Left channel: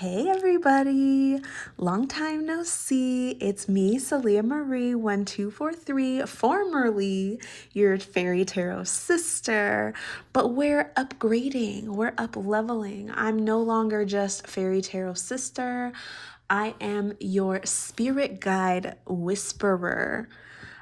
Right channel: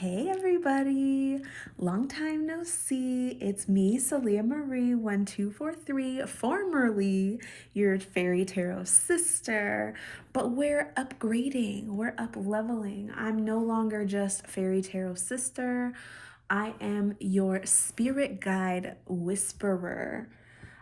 Hey everybody, long time no see. It's me, Salia Marie 1243, formerly your fairy tarot sister, but we're upgrading, we're up leveling. I'm no longer just fairy tarot sister. I am your spirit guide whisperer.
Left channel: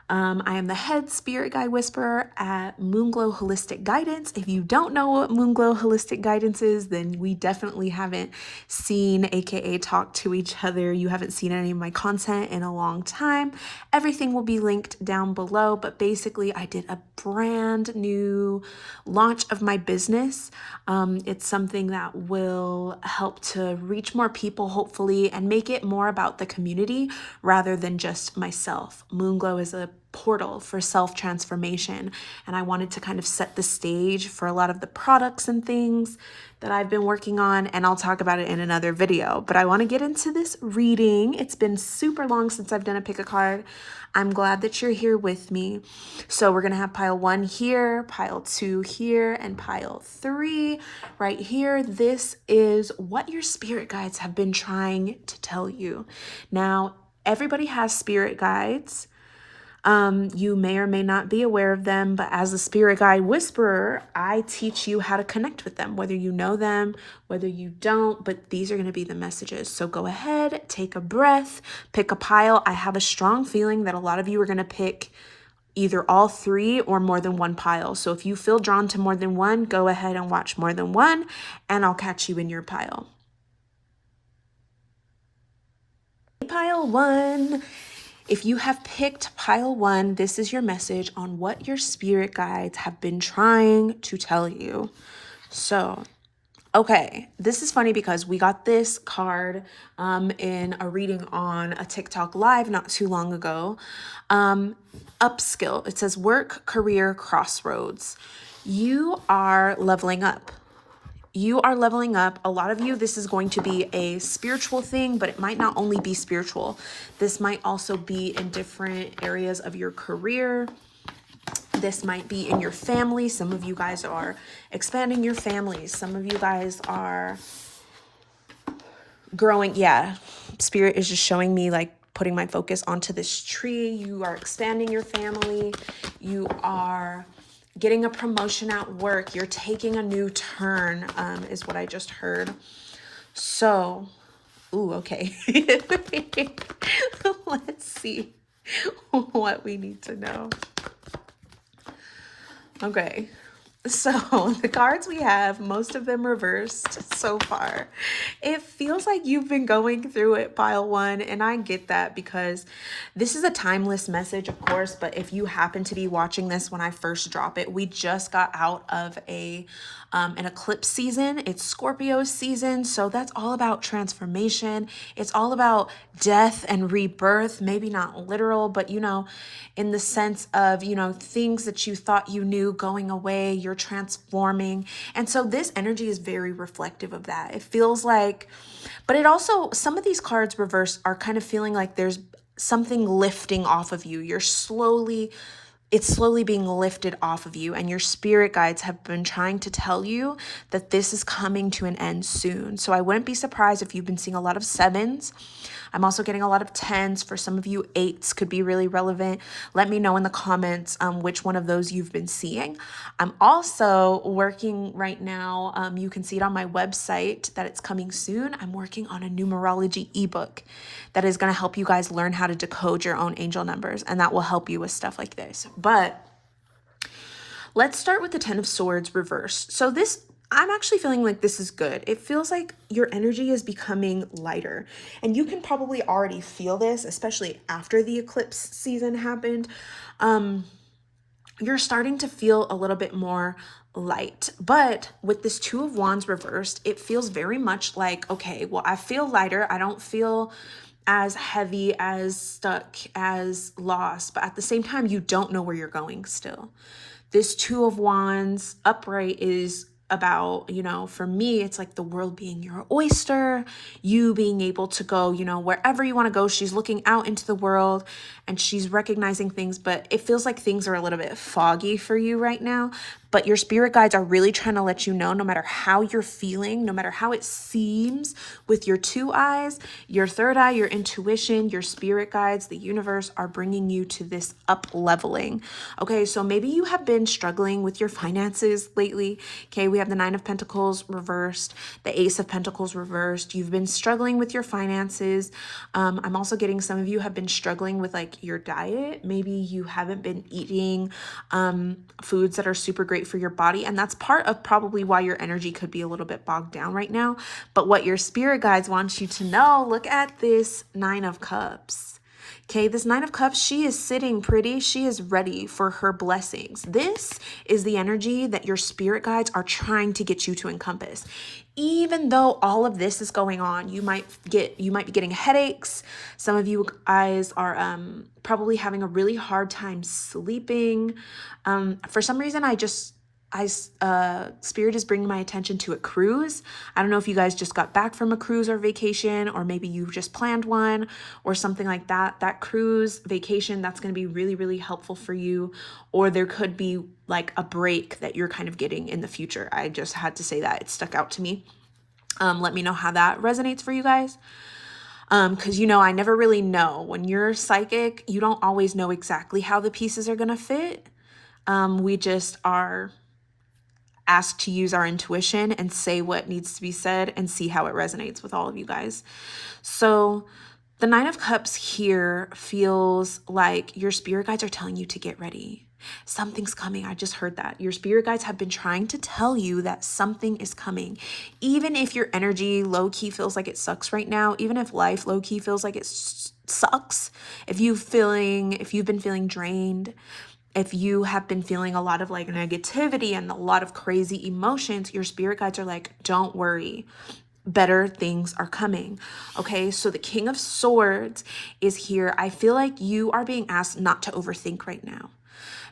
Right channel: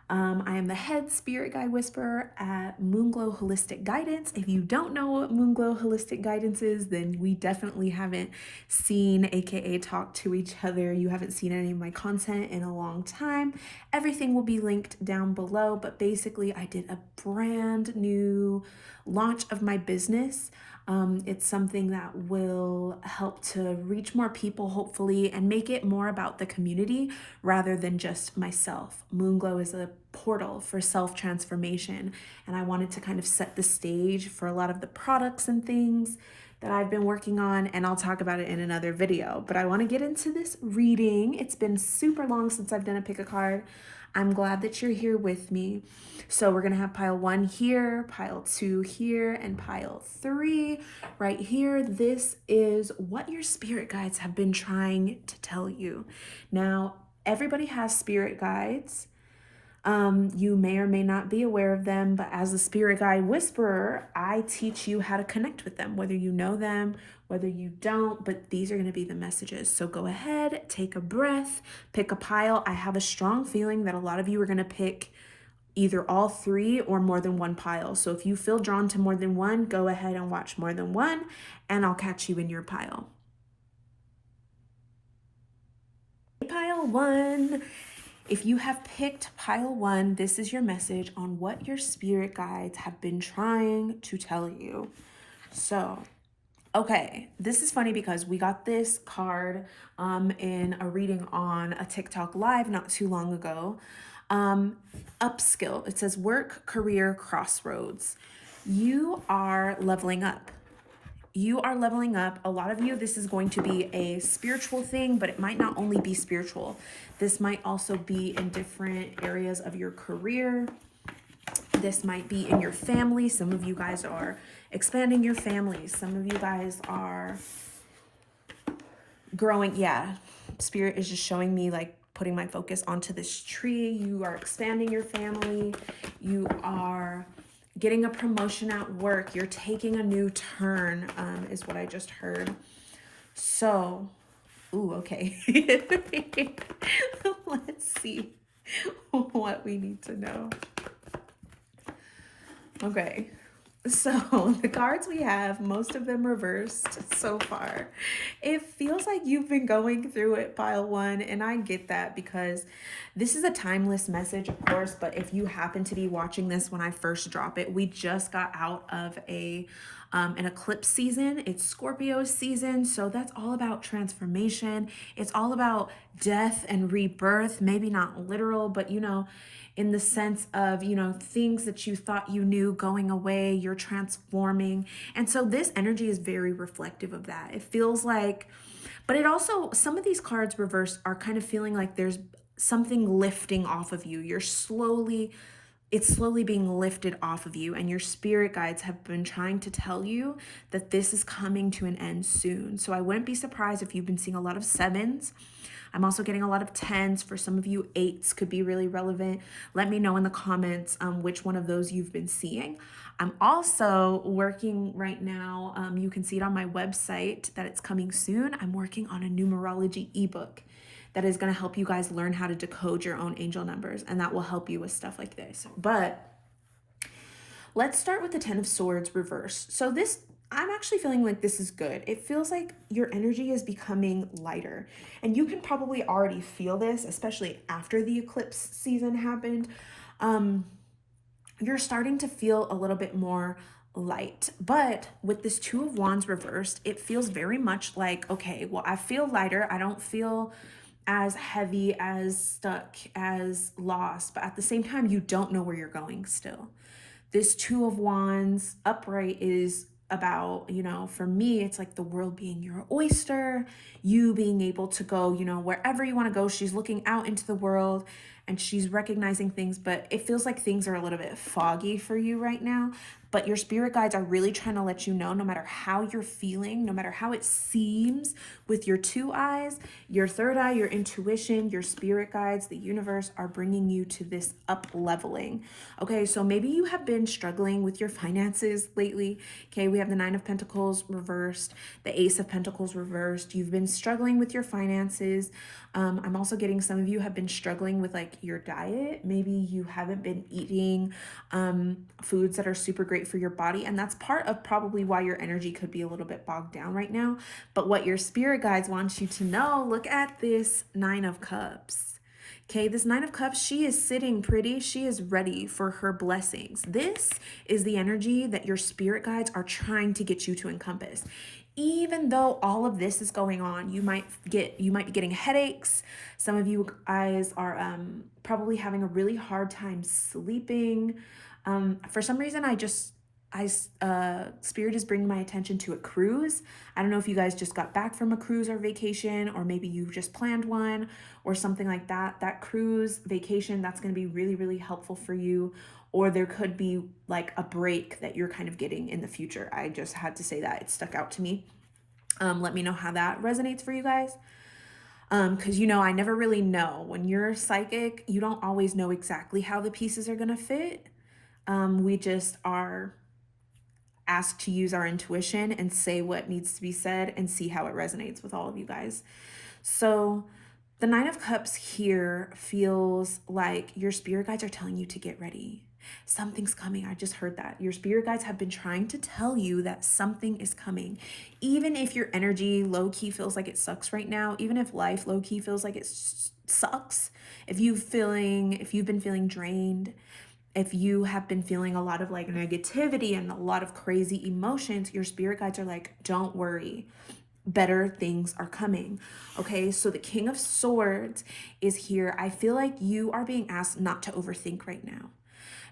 I am the head spirit guide whisperer at Moonglow Holistic Guidance. If you don't know what Moonglow Holistic Guidance is, then we definitely haven't seen, aka talked to each other. You haven't seen any of my content in a long time. Everything will be linked down below, but basically I did a brand new launch of my business. It's something that will help to reach more people, hopefully, and make it more about the community rather than just myself. Moonglow is a portal for self-transformation, and I wanted to kind of set the stage for a lot of the products and things that I've been working on, and I'll talk about it in another video. But I want to get into this reading. It's been super long since I've done a pick a card. I'm glad that you're here with me. So we're going to have pile 1 here, pile 2 here, and pile 3 right here. This is what your spirit guides have been trying to tell you. Now, everybody has spirit guides. You may or may not be aware of them, but as a spirit guide whisperer, I teach you how to connect with them, whether you know them, whether you don't, but these are going to be the messages. So go ahead, take a breath, pick a pile. I have a strong feeling that a lot of you are going to pick either all 3 or more than 1 pile. So if you feel drawn to more than 1, go ahead and watch more than 1, and I'll catch you in your pile. Pile 1. If you have picked pile 1, this is your message on what your spirit guides have been trying to tell you. So, okay, this is funny because we got this card in a reading on a TikTok live not too long ago. Upskill. It says work, career, crossroads. You are leveling up. You are leveling up. A lot of you, this is going to be a spiritual thing, but it might not only be spiritual. This might also be in different areas of your career. This might be in your family. Some of you guys are expanding your families. Some of you guys are growing. Yeah, Spirit is just showing me like putting my focus onto this tree. You are expanding your family. You are getting a promotion at work. You're taking a new turn, is what I just heard. So, ooh, okay. Let's see what we need to know. Okay. So the cards we have, most of them reversed so far. It feels like you've been going through it, pile 1, and I get that because this is a timeless message, of course, but if you happen to be watching this when I first drop it, we just got out of an eclipse season. It's Scorpio season, so that's all about transformation. It's all about death and rebirth, maybe not literal, but you know, in the sense of, you know, things that you thought you knew going away, you're transforming. And so this energy is very reflective of that. It feels like, but it also, some of these cards reverse are kind of feeling like there's something lifting off of you. It's slowly being lifted off of you, and your spirit guides have been trying to tell you that this is coming to an end soon. So I wouldn't be surprised if you've been seeing a lot of 7s. I'm also getting a lot of 10s. For some of you, 8s could be really relevant. Let me know in the comments which one of those you've been seeing. I'm also working right now. You can see it on my website that it's coming soon. I'm working on a numerology ebook that is going to help you guys learn how to decode your own angel numbers, and that will help you with stuff like this. But let's start with the 10 of Swords reversed. So this, I'm actually feeling like this is good. It feels like your energy is becoming lighter, and you can probably already feel this, especially after the eclipse season happened. You're starting to feel a little bit more light, but with this 2 of Wands reversed, it feels very much like, okay, well, I feel lighter. I don't feel as heavy, as stuck, as lost, but at the same time, you don't know where you're going still. This 2 of Wands upright is about, you know, for me, it's like the world being your oyster, you being able to go, you know, wherever you want to go. She's looking out into the world and she's recognizing things, but it feels like things are a little bit foggy for you right now. But your spirit guides are really trying to let you know, no matter how you're feeling, no matter how it seems with your two eyes, your third eye, your intuition, your spirit guides, the universe are bringing you to this up leveling. Okay, so maybe you have been struggling with your finances lately. Okay, we have the Nine of Pentacles reversed, the Ace of Pentacles reversed. You've been struggling with your finances. I'm also getting some of you have been struggling with like your diet. Maybe you haven't been eating foods that are super great for your body. And that's part of probably why your energy could be a little bit bogged down right now. But what your spirit guides want you to know, look at this Nine of Cups. Okay, this Nine of Cups, she is sitting pretty. She is ready for her blessings. This is the energy that your spirit guides are trying to get you to encompass. Even though all of this is going on, you might be getting headaches. Some of you guys are probably having a really hard time sleeping. For some reason, Spirit is bringing my attention to a cruise. I don't know if you guys just got back from a cruise or vacation, or maybe you just planned one or something like that. That cruise vacation, that's going to be really, really helpful for you. Or there could be like a break that you're kind of getting in the future. I just had to say that. It stuck out to me. Let me know how that resonates for you guys. Because I never really know. When you're psychic, you don't always know exactly how the pieces are going to fit. We just are asked to use our intuition and say what needs to be said and see how it resonates with all of you guys. So the Nine of Cups here feels like your spirit guides are telling you to get ready. Something's coming. I just heard that. Your spirit guides have been trying to tell you that something is coming. Even if your energy low-key feels like it sucks right now, even if life low-key feels like it sucks, if you've been feeling drained, if you have been feeling a lot of like negativity and a lot of crazy emotions, your spirit guides are like, don't worry, better things are coming. Okay, so the King of Swords is here. I feel like you are being asked not to overthink right now.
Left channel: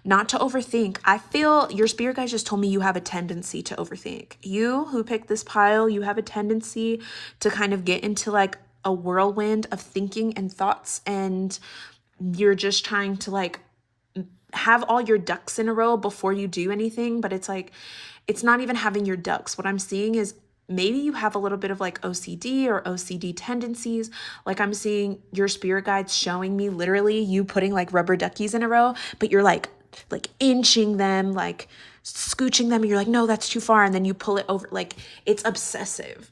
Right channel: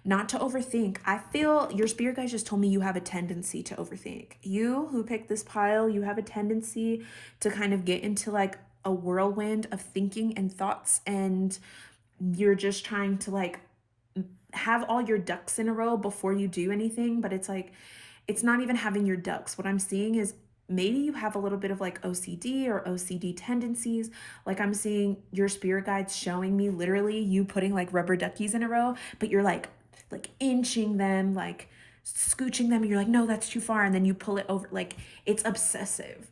Not to overthink. I feel your spirit guides just told me you have a tendency to overthink. You who picked this pile, you have a tendency to kind of get into like a whirlwind of thinking and thoughts, and you're just trying to like have all your ducks in a row before you do anything. But it's like, it's not even having your ducks. What I'm seeing is maybe you have a little bit of like OCD or OCD tendencies. Like I'm seeing your spirit guides showing me literally you putting like rubber duckies in a row, but you're like inching them, like scooching them, and you're like, no, that's too far. And then you pull it over. Like it's obsessive.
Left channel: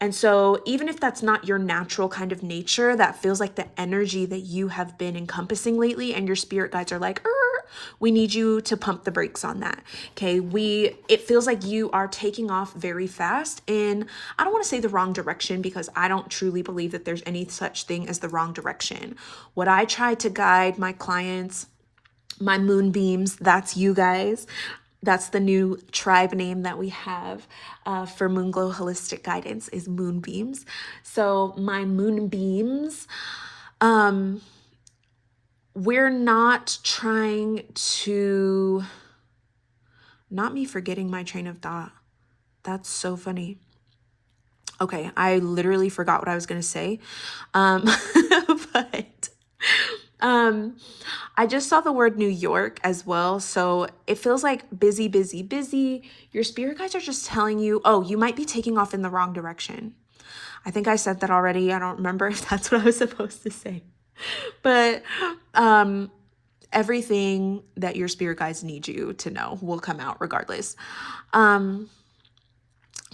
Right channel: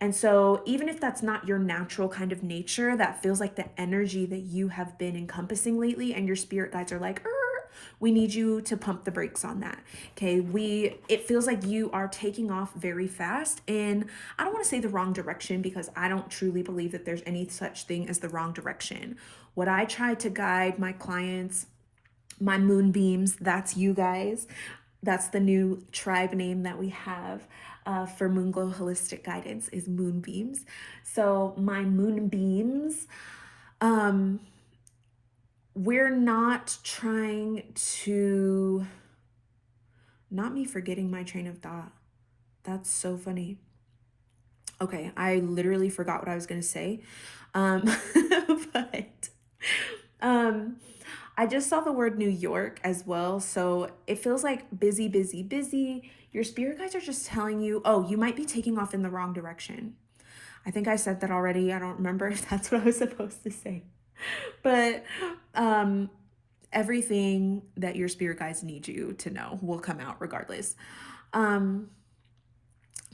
And so even if that's not your natural kind of nature, that feels like the energy that you have been encompassing lately, and your spirit guides are like, we need you to pump the brakes on that. Okay, it feels like you are taking off very fast in, I don't want to say the wrong direction, because I don't truly believe that there's any such thing as the wrong direction. What I try to guide my clients, my Moonbeams, that's you guys. That's the new tribe name that we have for Moonglow Holistic Guidance, is Moonbeams. So my Moonbeams, we're not trying to, not me forgetting my train of thought. That's so funny. Okay, I literally forgot what I was going to say. But I just saw the word New York as well. So it feels like busy, busy, busy. Your spirit guides are just telling you, oh, you might be taking off in the wrong direction. I think I said that already. I don't remember if that's what I was supposed to say. But everything that your spirit guides need you to know will come out regardless.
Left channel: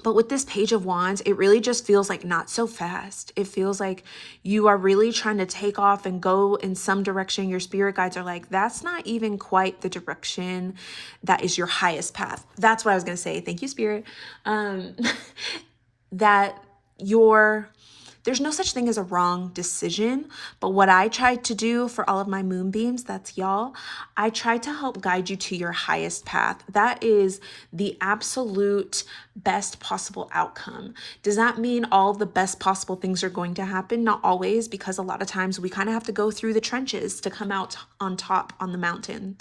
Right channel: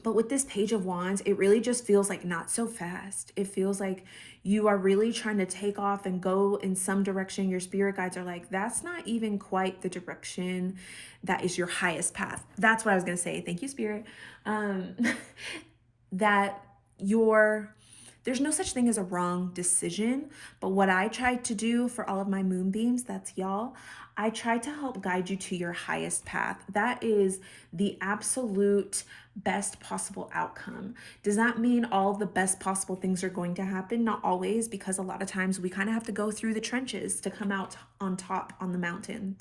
But with this Page of Wands, it really just feels like not so fast. It feels like you are really trying to take off and go in some direction. Your spirit guides are like, that's not even quite the direction that is your highest path. That's what I was going to say. Thank you, Spirit. That there's no such thing as a wrong decision, but what I tried to do for all of my Moonbeams, that's y'all, I tried to help guide you to your highest path. That is the absolute best possible outcome. Does that mean all of the best possible things are going to happen? Not always, because a lot of times we kind of have to go through the trenches to come out on top on the mountain.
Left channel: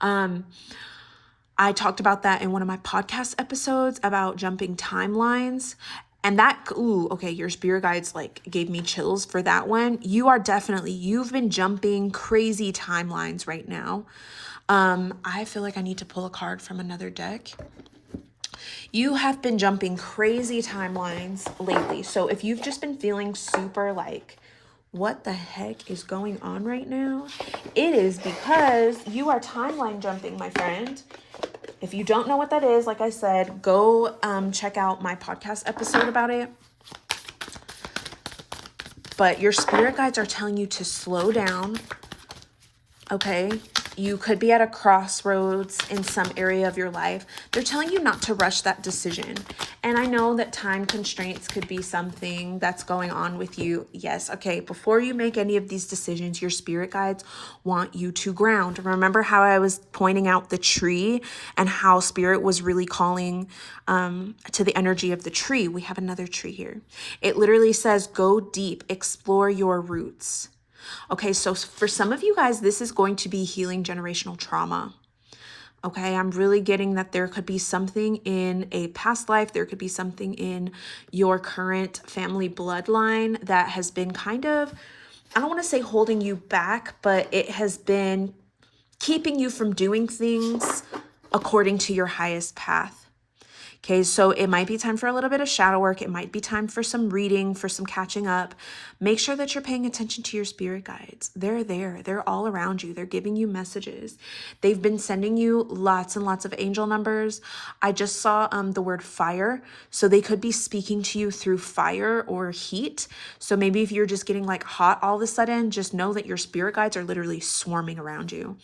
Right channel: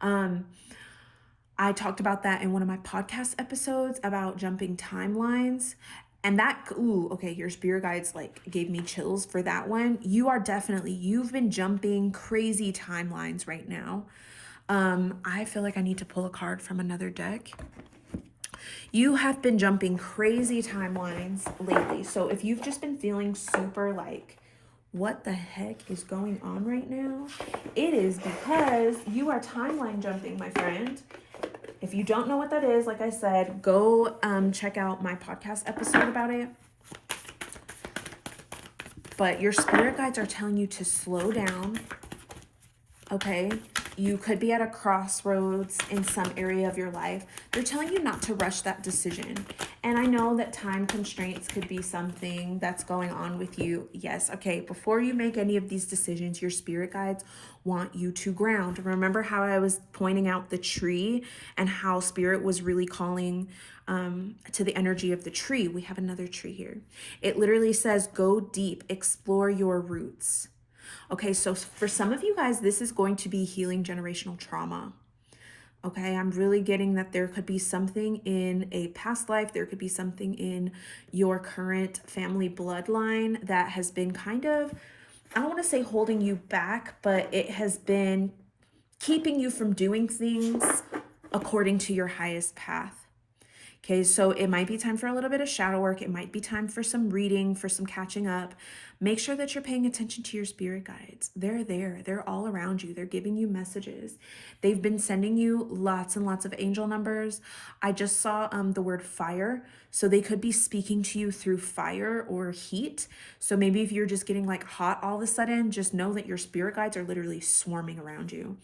I talked about that in one of my podcast episodes about jumping timelines. And that, okay, your spirit guides like gave me chills for that one. You've been jumping crazy timelines right now. I feel like I need to pull a card from another deck. You have been jumping crazy timelines lately. So if you've just been feeling super like, what the heck is going on right now? It is because you are timeline jumping, my friend. If you don't know what that is, like I said, go check out my podcast episode about it. But your spirit guides are telling you to slow down, okay? You could be at a crossroads in some area of your life. They're telling you not to rush that decision. And I know that time constraints could be something that's going on with you. Yes, okay, before you make any of these decisions, your spirit guides want you to ground. Remember how I was pointing out the tree and how spirit was really calling to the energy of the tree? We have another tree here. It literally says, go deep, explore your roots. Okay, so for some of you guys, this is going to be healing generational trauma. Okay, I'm really getting that there could be something in a past life, there could be something in your current family bloodline that has been kind of, I don't want to say holding you back, but it has been keeping you from doing things according to your highest path. Okay, so it might be time for a little bit of shadow work. It might be time for some reading, for some catching up. Make sure that you're paying attention to your spirit guides. They're there. They're all around you. They're giving you messages. They've been sending you lots and lots of angel numbers. I just saw the word fire. So they could be speaking to you through fire or heat. So maybe if you're just getting like hot all of a sudden, just know that your spirit guides are literally swarming around you.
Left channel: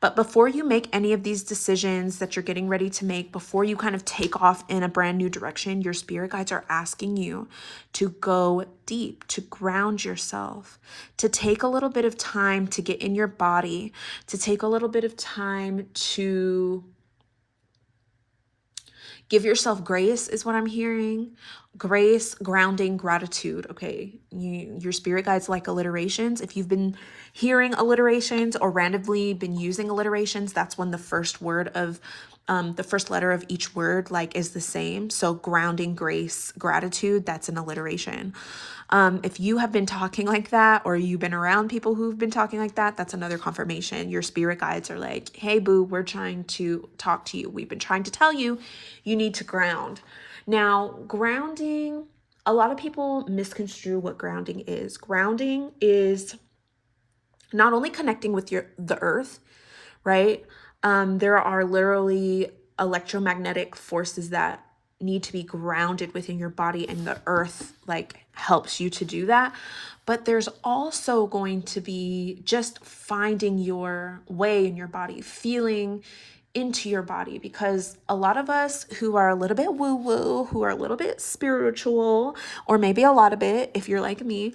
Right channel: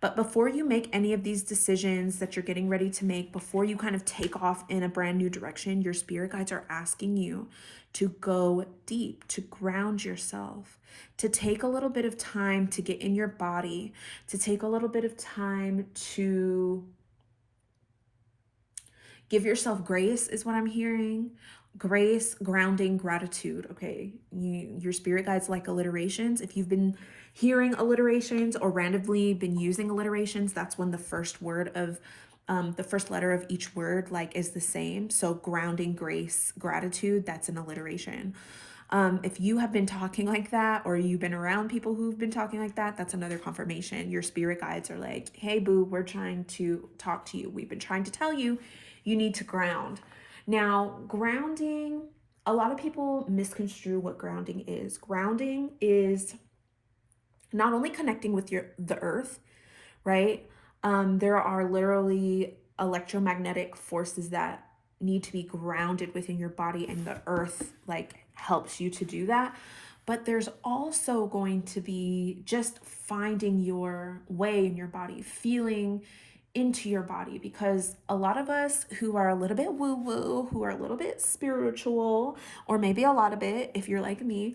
But before you make any of these decisions that you're getting ready to make, before you kind of take off in a brand new direction, your spirit guides are asking you to go deep, to ground yourself, to take a little bit of time to get in your body, to take a little bit of time to give yourself grace is what I'm hearing. Grace, grounding, gratitude. Okay, your spirit guides like alliterations. If you've been hearing alliterations or randomly been using alliterations, that's when the first word of the first letter of each word like is the same. So grounding, grace, gratitude, that's an alliteration. If you have been talking like that, or you've been around people who've been talking like that, that's another confirmation. Your spirit guides are like, hey boo, we're trying to talk to you. We've been trying to tell you, you need to ground. Now, grounding, a lot of people misconstrue what grounding is. Grounding is not only connecting with the earth, right? There are literally electromagnetic forces that need to be grounded within your body, and the earth like helps you to do that. But there's also going to be just finding your way in your body, feeling into your body, because a lot of us who are a little bit woo-woo, who are a little bit spiritual, or maybe a lot of it if you're like me,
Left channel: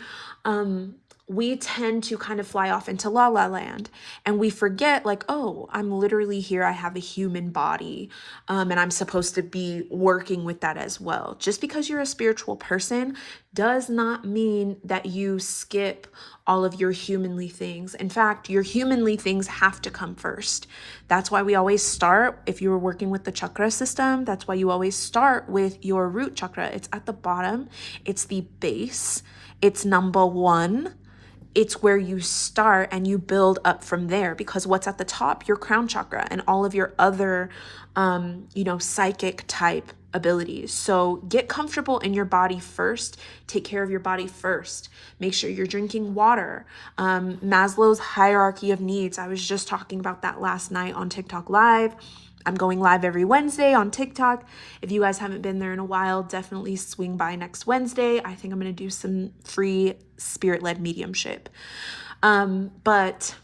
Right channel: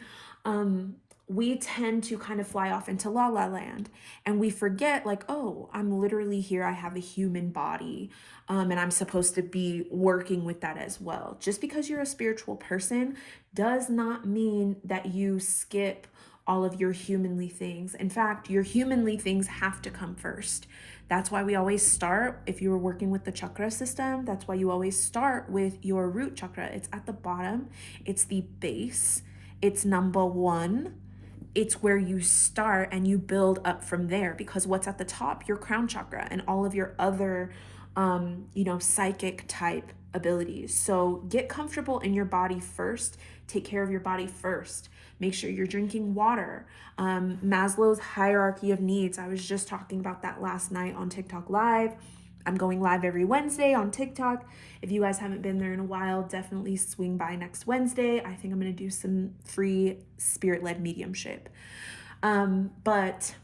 we tend to kind of fly off into la la land, and we forget like, oh, I'm literally here. I have a human body, and I'm supposed to be working with that as well. Just because you're a spiritual person does not mean that you skip all of your humanly things. In fact, your humanly things have to come first. That's why we always start, if you were working with the chakra system, that's why you always start with your root chakra. It's at the bottom. It's the base. It's number one. It's where you start and you build up from there, because what's at the top, your crown chakra and all of your other, psychic type abilities. So get comfortable in your body first. Take care of your body first. Make sure you're drinking water. Maslow's hierarchy of needs. I was just talking about that last night on TikTok Live. I'm going live every Wednesday on TikTok. If you guys haven't been there in a while, definitely swing by next Wednesday. I think I'm going to do some free spirit-led mediumship. But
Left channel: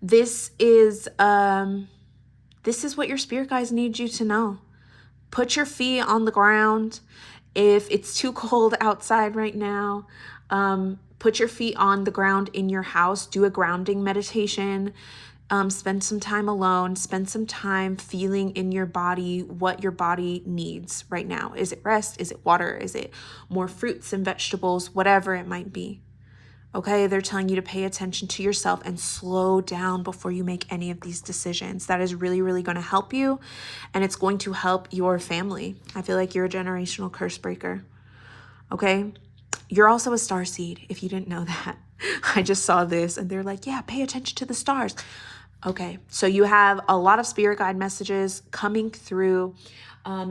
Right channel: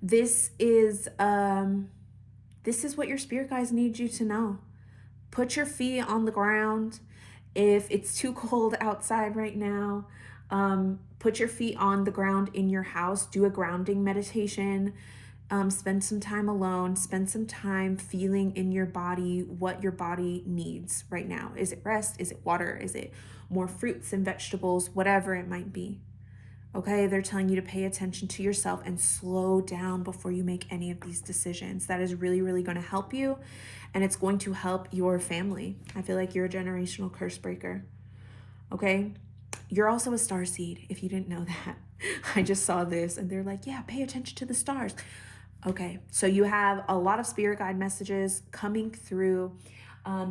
this is what your spirit guides need you to know. Put your feet on the ground. If it's too cold outside right now, put your feet on the ground in your house. Do a grounding meditation. Spend some time alone. Spend some time feeling in your body what your body needs right now. Is it rest? Is it water? Is it more fruits and vegetables? Whatever it might be. Okay, they're telling you to pay attention to yourself and slow down before you make any of these decisions. That is really, really going to help you, and it's going to help your family. I feel like you're a generational curse breaker. Okay, you're also a star seed, if you didn't know that. I just saw this and they're like, yeah, pay attention to the stars. Okay, so you have a lot of spirit guide messages coming through.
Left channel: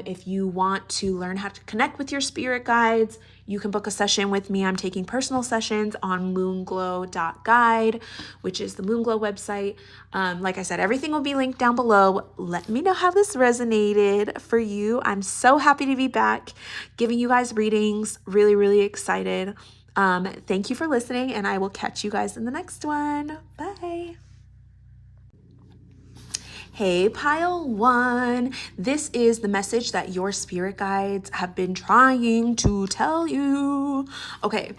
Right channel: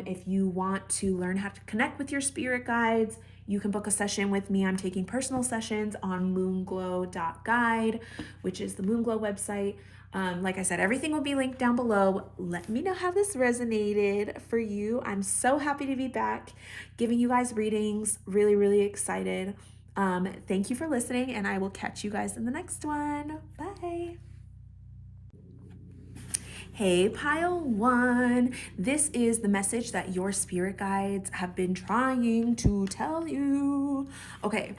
If you want to learn how to connect with your spirit guides, you can book a session with me. I'm taking personal sessions on Moonglow.guide, which is the Moonglow website. Like I said, everything will be linked down below. Let me know how this resonated for you. I'm so happy to be back giving you guys readings. Really, really excited. Thank you for listening, and I will catch you guys in the next one. Bye. Hey, pile one. This is the message that your spirit guides have been trying to tell you. Okay.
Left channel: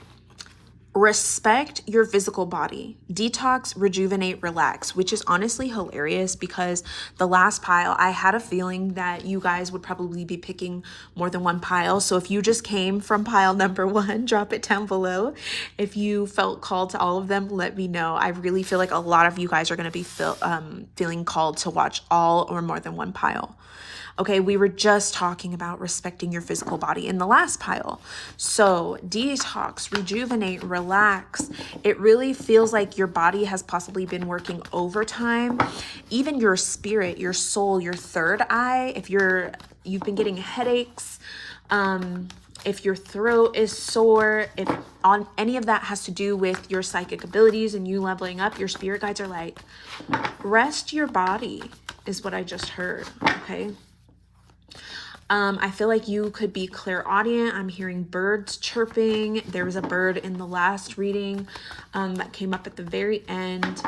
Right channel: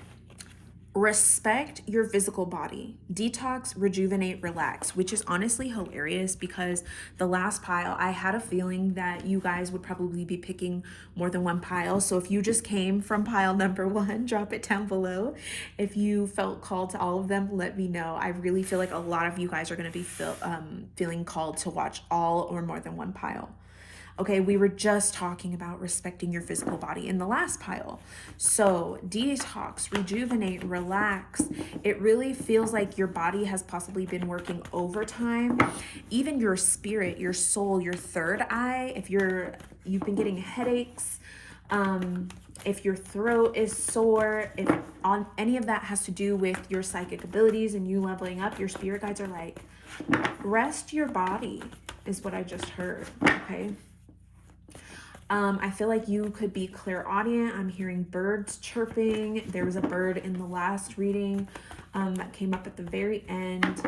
Respect your physical body. Detox, rejuvenate, relax, which is honestly hilarious because the last pile, I had a feeling that you guys would probably be picking more than one pile. So if you just came from pile number one, drop it down below. If you felt called to all of them, let me know. I really feel like a lot of you guys are going to be feeling called to watch all or more than one pile. Okay, we were just talking about respecting your physical body in the last pile. So detox, rejuvenate, relax. It really feels like your body has possibly been working overtime. Even your spirit, your soul, your third eye, if you've been getting headaches, if your throat is sore, if on any of that has to do with your psychic abilities and you leveling up, your spirit guides are like, rest your body is what I just heard, okay? I feel like you could be clairaudient. I'm hearing birds chirping. There was a bird in the last reading that came up at the very end.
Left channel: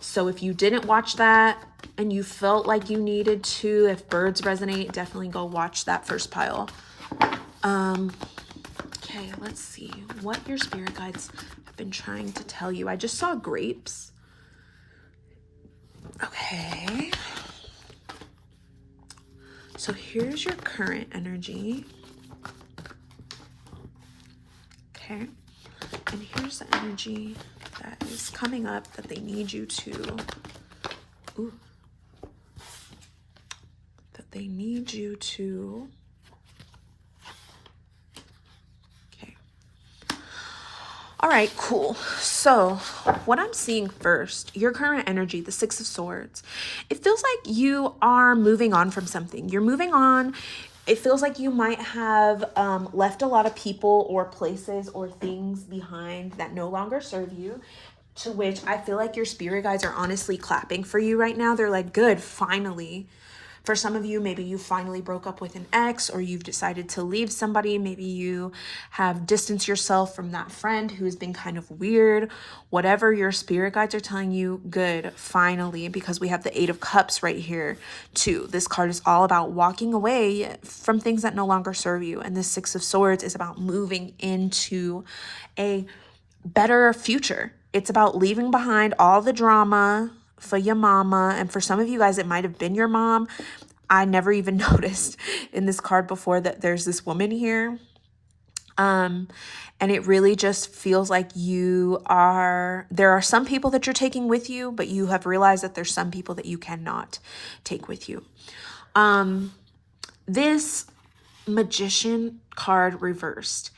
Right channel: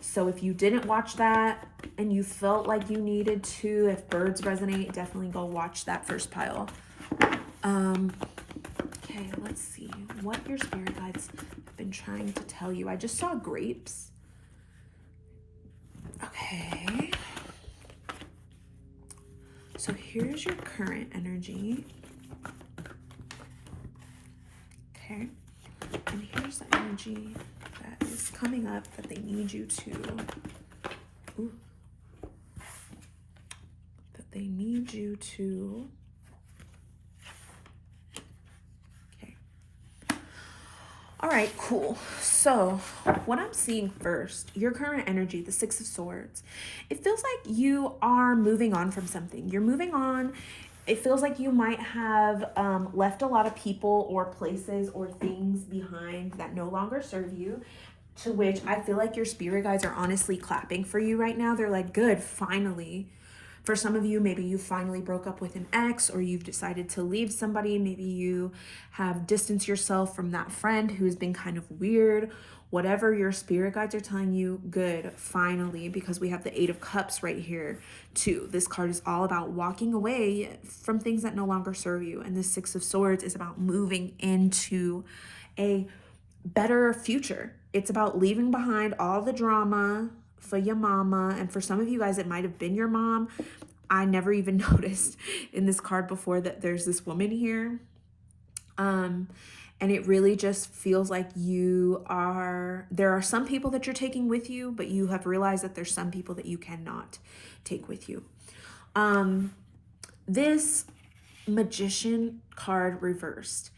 So if you didn't watch that and you felt like you needed to, if birds resonate, definitely go watch that first pile. Okay, let's see what your spirit guides have been trying to tell you. I just saw grapes. Okay. So here's your current energy. Okay. And here's the energy that is coming up that they need you to, okay. All right, cool. So what I'm seeing first, your current energy, the Six of Swords, it feels like you are moving on from something. You're moving on. It feels like you might have left a lot of people or places or things behind that no longer serve you, to which I feel like your spirit guides are honestly clapping for you right now. They're like, good, finally. For some of you, maybe you finally broke up with an ex, or you've decided to leave somebody. Maybe you have distanced yourself from that friend who has been kind of weird. Whatever your spirit guides are telling you, good, finally, because we have the Eight of Cups right here too. This card is all about walking away from things that no longer serve you. And this Six of Swords is about moving into a better future. It's about leaving behind all the drama for your mama. And for some of you guys, it might have been your mom. I never even noticed in this card before that there's this woman here. And it really just feels like there are some people that you're taking with you, but you have realized that there's some people that you cannot take with you. This Magician card reversed.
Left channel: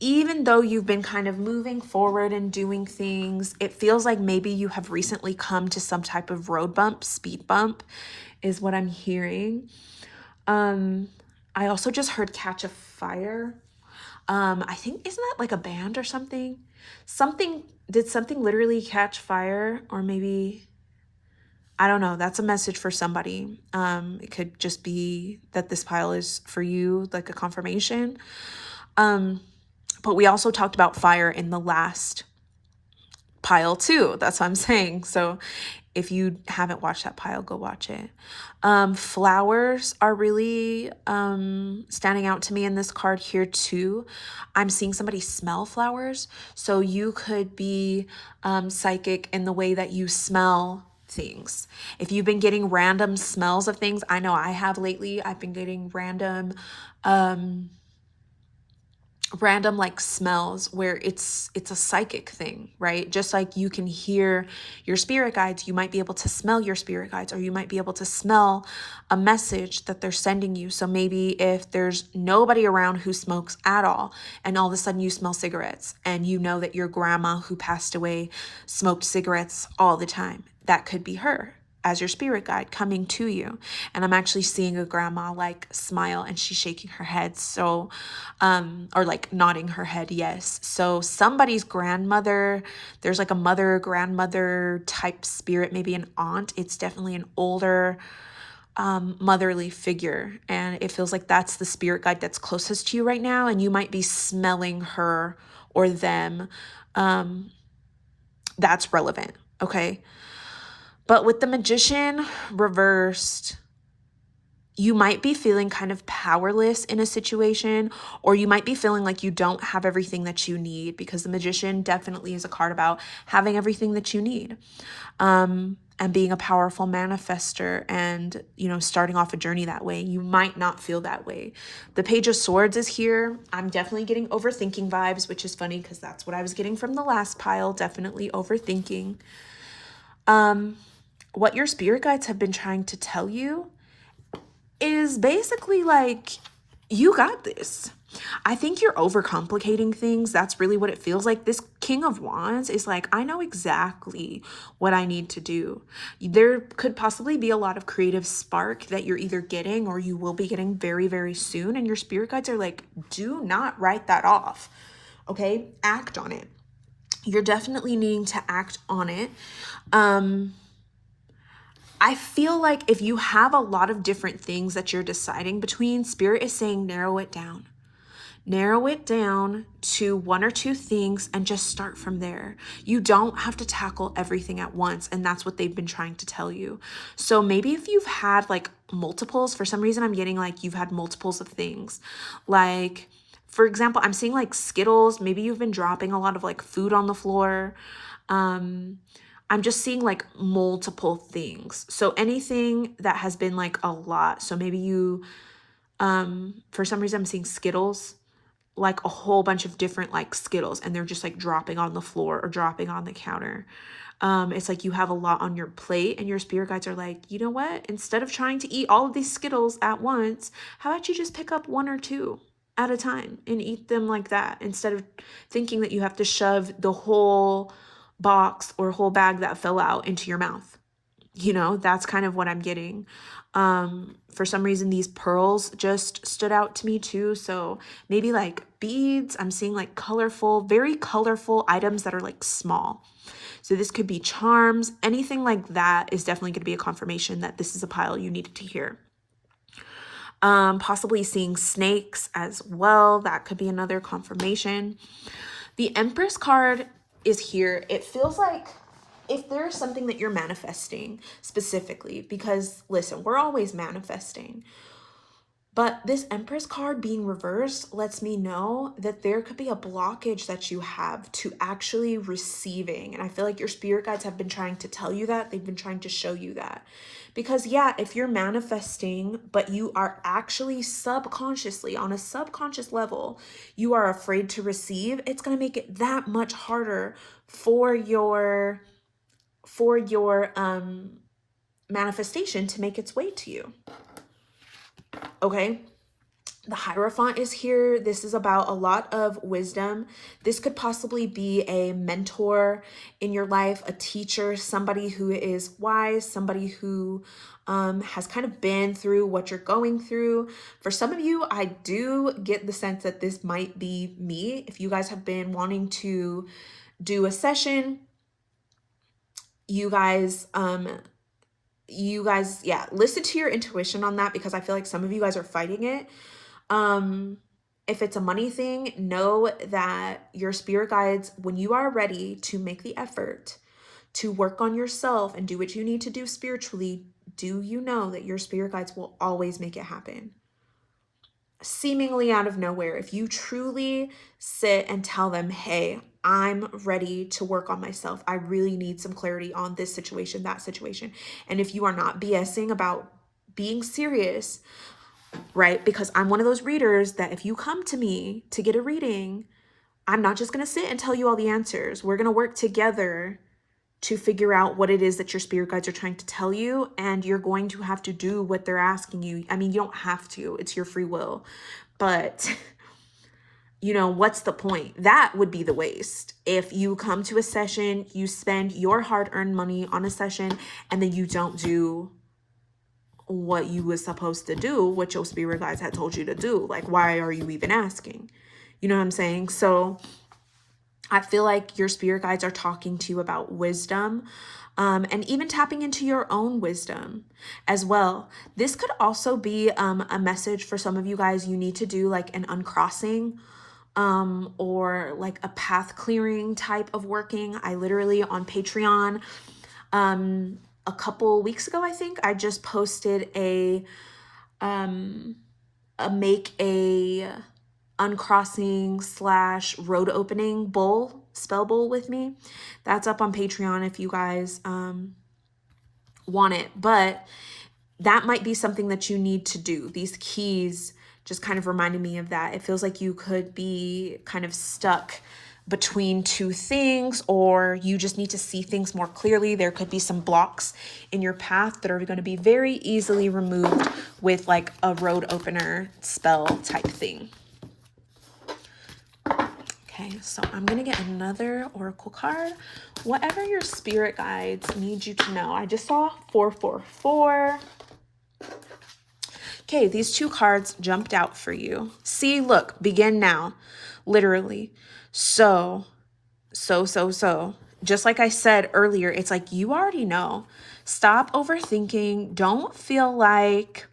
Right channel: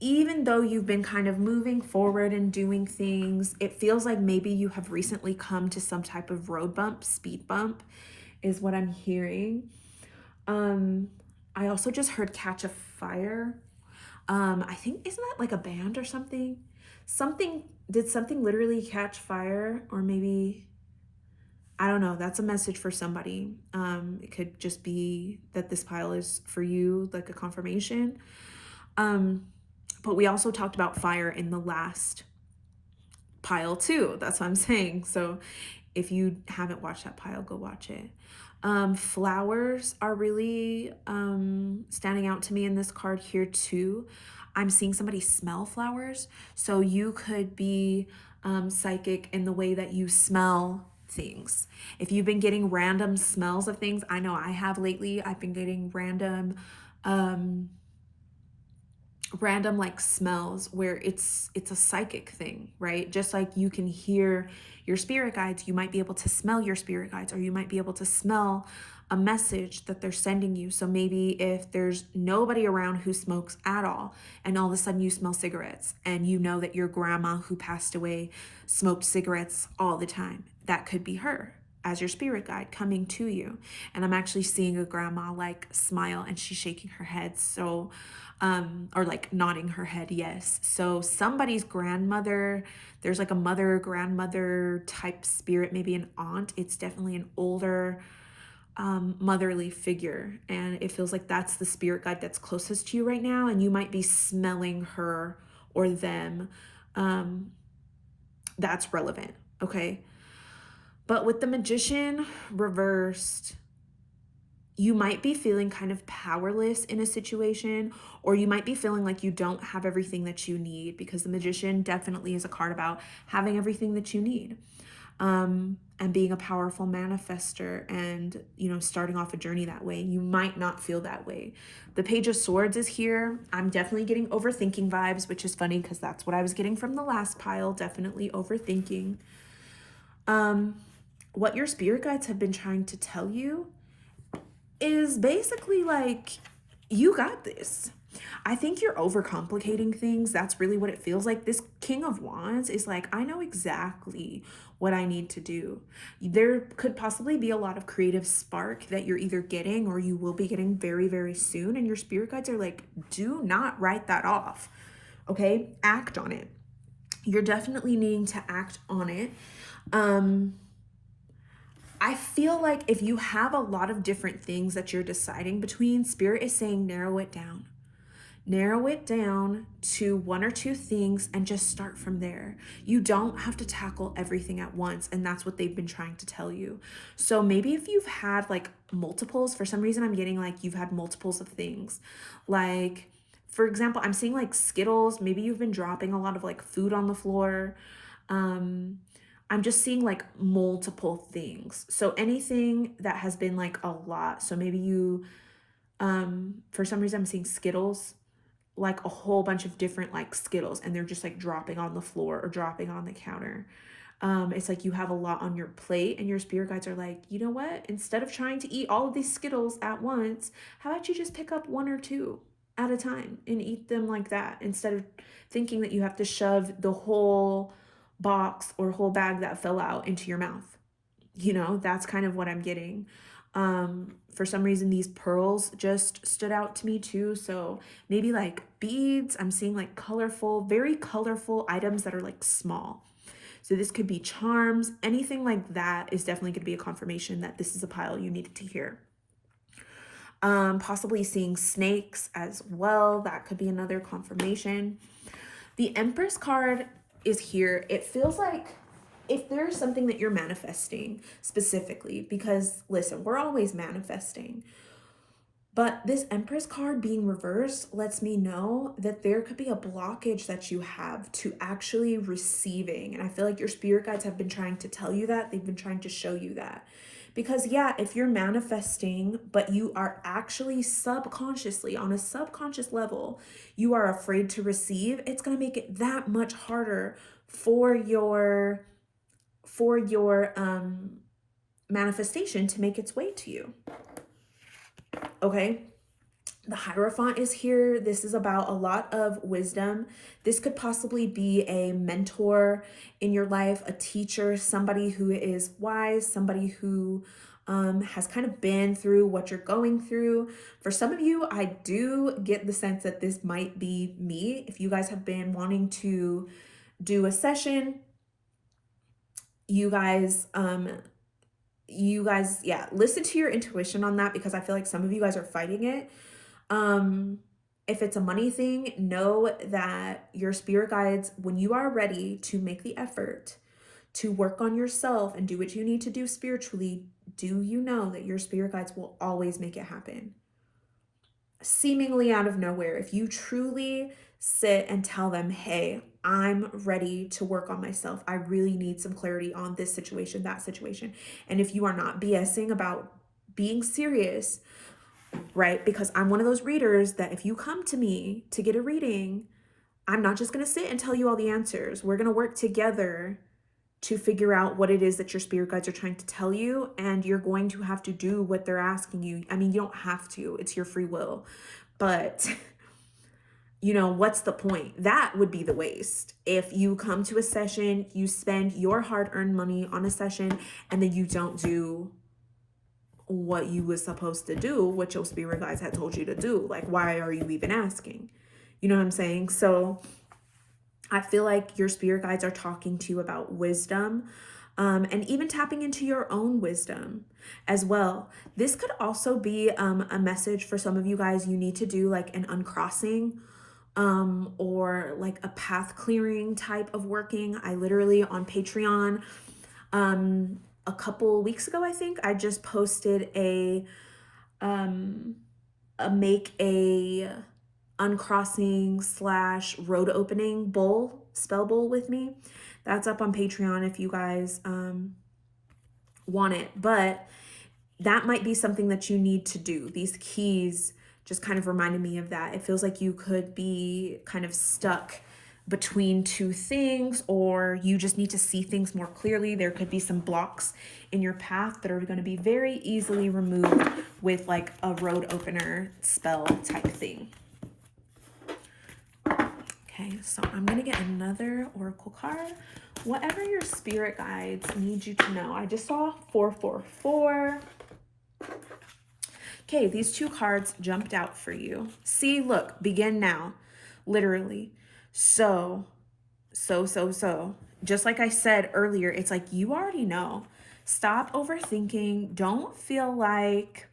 Even though you've been kind of moving forward and doing things, it feels like maybe you have recently come to some type of road bump, speed bump is what I'm hearing. I also just heard Catch a Fire. I think, isn't that like a band or something? Did something literally catch fire? Or maybe, I don't know. That's a message for somebody. It could just be that this pile is for you, like a confirmation. But we also talked about fire in the last pile too. That's what I'm saying. So if you haven't watched that pile, go watch it. Flowers are really standing out to me in this card here too. I'm seeing somebody smell flowers. So you could be psychic in the way that you smell things. If you've been getting random smells of things, I know I have lately. I've been getting random like smells where it's a psychic thing, right? Just like you can hear your spirit guides, you might be able to smell your spirit guides, or you might be able to smell a message that they're sending you. So maybe if there's nobody around who smokes at all, and all of a sudden you smell cigarettes, and you know that your grandma who passed away smoked cigarettes all the time, that could be her as your spirit guide coming to you. And I'm actually seeing a grandma like smile and she's shaking her head. So, or like nodding her head. Yes. So somebody's grandmother, there's like a mother, grandmother type spirit, maybe an aunt. It's definitely an older, motherly figure. And it feels like that's the spirit guide that's closest to you right now. And you might be smelling her or them. That's relevant. Okay. But with the Magician reversed, you might be feeling kind of powerless in a situation, or you might be feeling like you don't have everything that you need, because the Magician definitely is a card about having everything that you need, and being a powerful manifester and, starting off a journey that way. You might not feel that way. The Page of Swords is here. I'm definitely getting overthinking vibes, which is funny because that's what I was getting from the last pile. Definitely overthinking. What your spirit guides have been trying to tell you is basically like, you got this. I think you're overcomplicating things. That's really what it feels like. This King of Wands is like, I know exactly what I need to do. There could possibly be a lot of creative spark that you're either getting or you will be getting very, very soon. And your spirit guides are like, do not write that off. Okay? Act on it. You're definitely needing to act on it. I feel like if you have a lot of different things that you're deciding between, Spirit is saying narrow it down. Narrow it down to one or two things and just start from there. You don't have to tackle everything at once, and that's what they've been trying to tell you. So maybe if you've had like multiples, for some reason I'm getting like you've had multiples of things. Like, for example, I'm seeing like Skittles. Maybe you've been dropping a lot of like food on the floor. I'm just seeing like multiple things. So anything that has been like a lot. So maybe you, for some reason I'm seeing Skittles, like a whole bunch of different like Skittles, and they're just like dropping on the floor or dropping on the counter. It's like you have a lot on your plate and your spirit guides are like, you know what? Instead of trying to eat all of these Skittles at once, how about you just pick up one or two at a time and eat them like that, instead of thinking that you have to shove the whole box or whole bag that fell out into your mouth. That's kind of what I'm getting. For some reason, these pearls just stood out to me too. So maybe like beads. I'm seeing like colorful, very colorful items that are like small. So this could be charms. Anything like that is definitely going to be a confirmation that this is a pile you needed to hear. Possibly seeing snakes as well. That could be another confirmation. The Empress card is here. It feels like if there's something that you're manifesting specifically, because listen, we're always manifesting, but this Empress card being reversed lets me know that there could be a blockage that you have to actually receiving. And I feel like your spirit guides have been trying to tell you that. They've been trying to show you that. Because yeah, if you're manifesting, but you are actually subconsciously, on a subconscious level, you are afraid to receive, it's going to make it that much harder for your manifestation to make its way to you. Okay. The Hierophant is here. This is about a lot of wisdom. This could possibly be a mentor in your life, a teacher, somebody who is wise, somebody who has kind of been through what you're going through. For some of you, I do get the sense that this might be me. If you guys have been wanting to do a session, you guys, yeah, listen to your intuition on that, because I feel like some of you guys are fighting it. If it's a money thing, know that your spirit guides, when you are ready to make the effort to work on yourself and do what you need to do spiritually, do you know that your spirit guides will always make it happen? Seemingly out of nowhere, if you truly sit and tell them, hey, I'm ready to work on myself. I really need some clarity on this situation, that situation. And if you are not BSing about being serious, right? Because I'm one of those readers that if you come to me to get a reading, I'm not just going to sit and tell you all the answers. We're going to work together to figure out what it is that your spirit guides are trying to tell you, and you're going to have to do what they're asking you. I mean, you don't have to, it's your free will, but what's the point? That would be the waste. If you come to a session, you spend your hard-earned money on a session, and then you don't do what you was supposed to do, what your spirit guides had told you to do. Like, why are you even asking? You know what I'm saying? So I feel like your spirit guides are talking to you about wisdom, and even tapping into your own wisdom as well. This could also be a message for some of you guys. You need to do like an uncrossing, or like a path clearing type of working. I literally on Patreon, a couple weeks ago, I think I just posted a make a uncrossing / road opening bowl, spell bowl with me. That's up on Patreon if you guys want it. But that might be something that you need to do. These keys just kind of reminded me of that. It feels like you could be kind of stuck between two things, or you just need to see things more clearly. There could be some blocks in your path that are going to be very easily removed with like a road opener spell type thing. Okay, so I'm going to get another oracle card. Whatever your spirit guides need you to know. I just saw 444. Okay, these two cards jumped out for you. See, look, begin now. Literally. So. Just like I said earlier, it's like you already know. Stop overthinking. Don't feel like,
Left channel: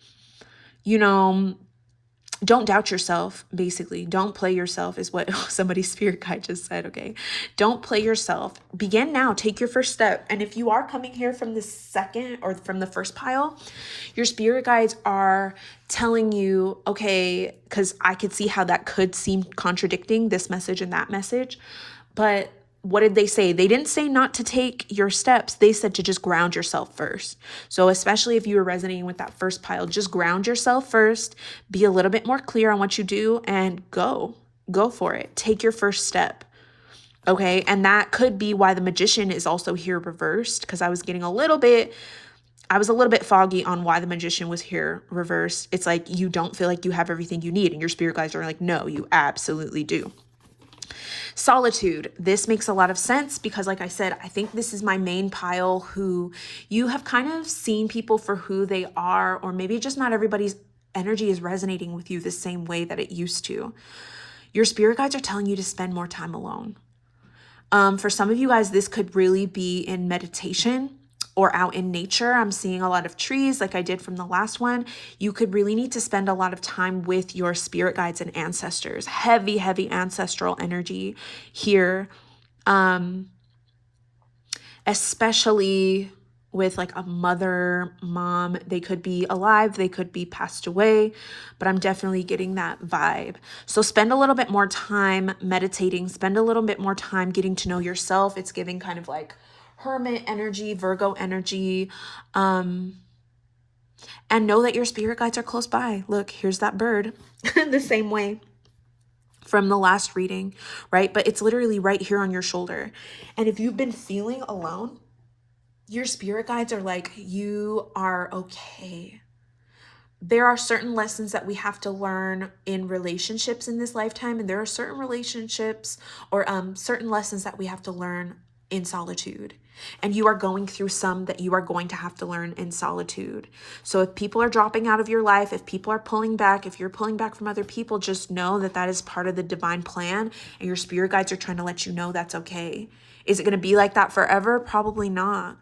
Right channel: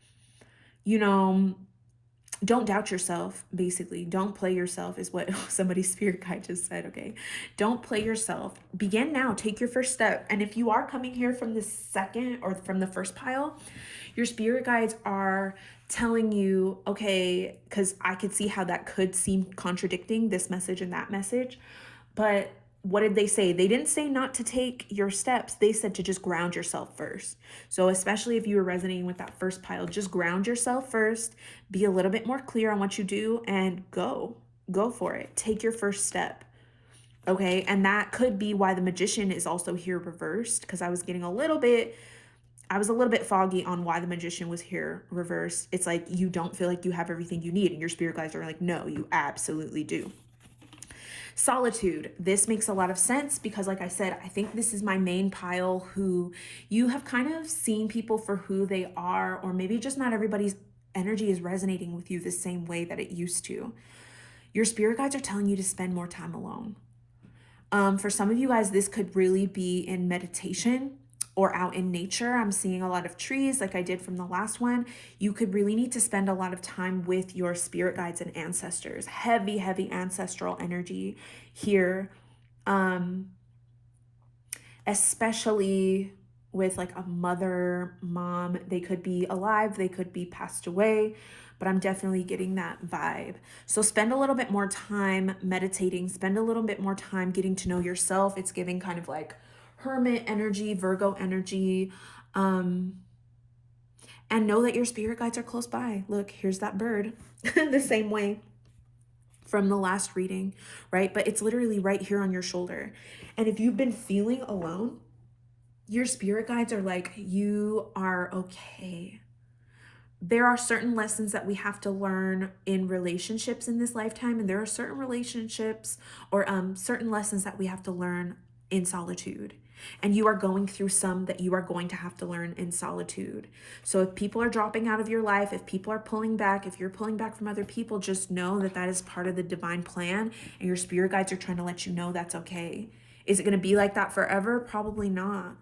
don't doubt yourself, basically. Don't play yourself is what somebody's spirit guide just said, okay? Don't play yourself. Begin now. Take your first step. And if you are coming here from the second or from the first pile, your spirit guides are telling you, okay, because I could see how that could seem contradicting, this message and that message. But what did they say? They didn't say not to take your steps. They said to just ground yourself first. So especially if you were resonating with that first pile, just ground yourself first, be a little bit more clear on what you do, and go for it. Take your first step. Okay. And that could be why the Magician is also here reversed, because I was a little bit foggy on why the Magician was here reversed. It's like you don't feel like you have everything you need, and your spirit guides are like, no, you absolutely do. Solitude. This makes a lot of sense because, like I said, I think this is my main pile who you have kind of seen people for who they are, or maybe just not everybody's energy is resonating with you the same way that it used to. Your spirit guides are telling you to spend more time alone. For some of you guys, this could really be in meditation or out in nature. I'm seeing a lot of trees like I did from the last one. You could really need to spend a lot of time with your spirit guides and ancestors. Heavy ancestral energy here. Especially with like a mother, mom. They could be alive, they could be passed away, but I'm definitely getting that vibe. So spend a little bit more time meditating, spend a little bit more time getting to know yourself. It's giving kind of like Hermit energy, Virgo energy, and know that your spirit guides are close by. Look, here's that bird the same way from the last reading, right? But it's literally right here on your shoulder. And if you've been feeling alone, your spirit guides are like, you are okay. There are certain lessons that we have to learn in relationships in this lifetime, and there are certain relationships or certain lessons that we have to learn in solitude. And you are going through some that you are going to have to learn in solitude. So if people are dropping out of your life, if people are pulling back, if you're pulling back from other people, just know that that is part of the divine plan, and your spirit guides are trying to let you know that's okay. Is it going to be like that forever? Probably not.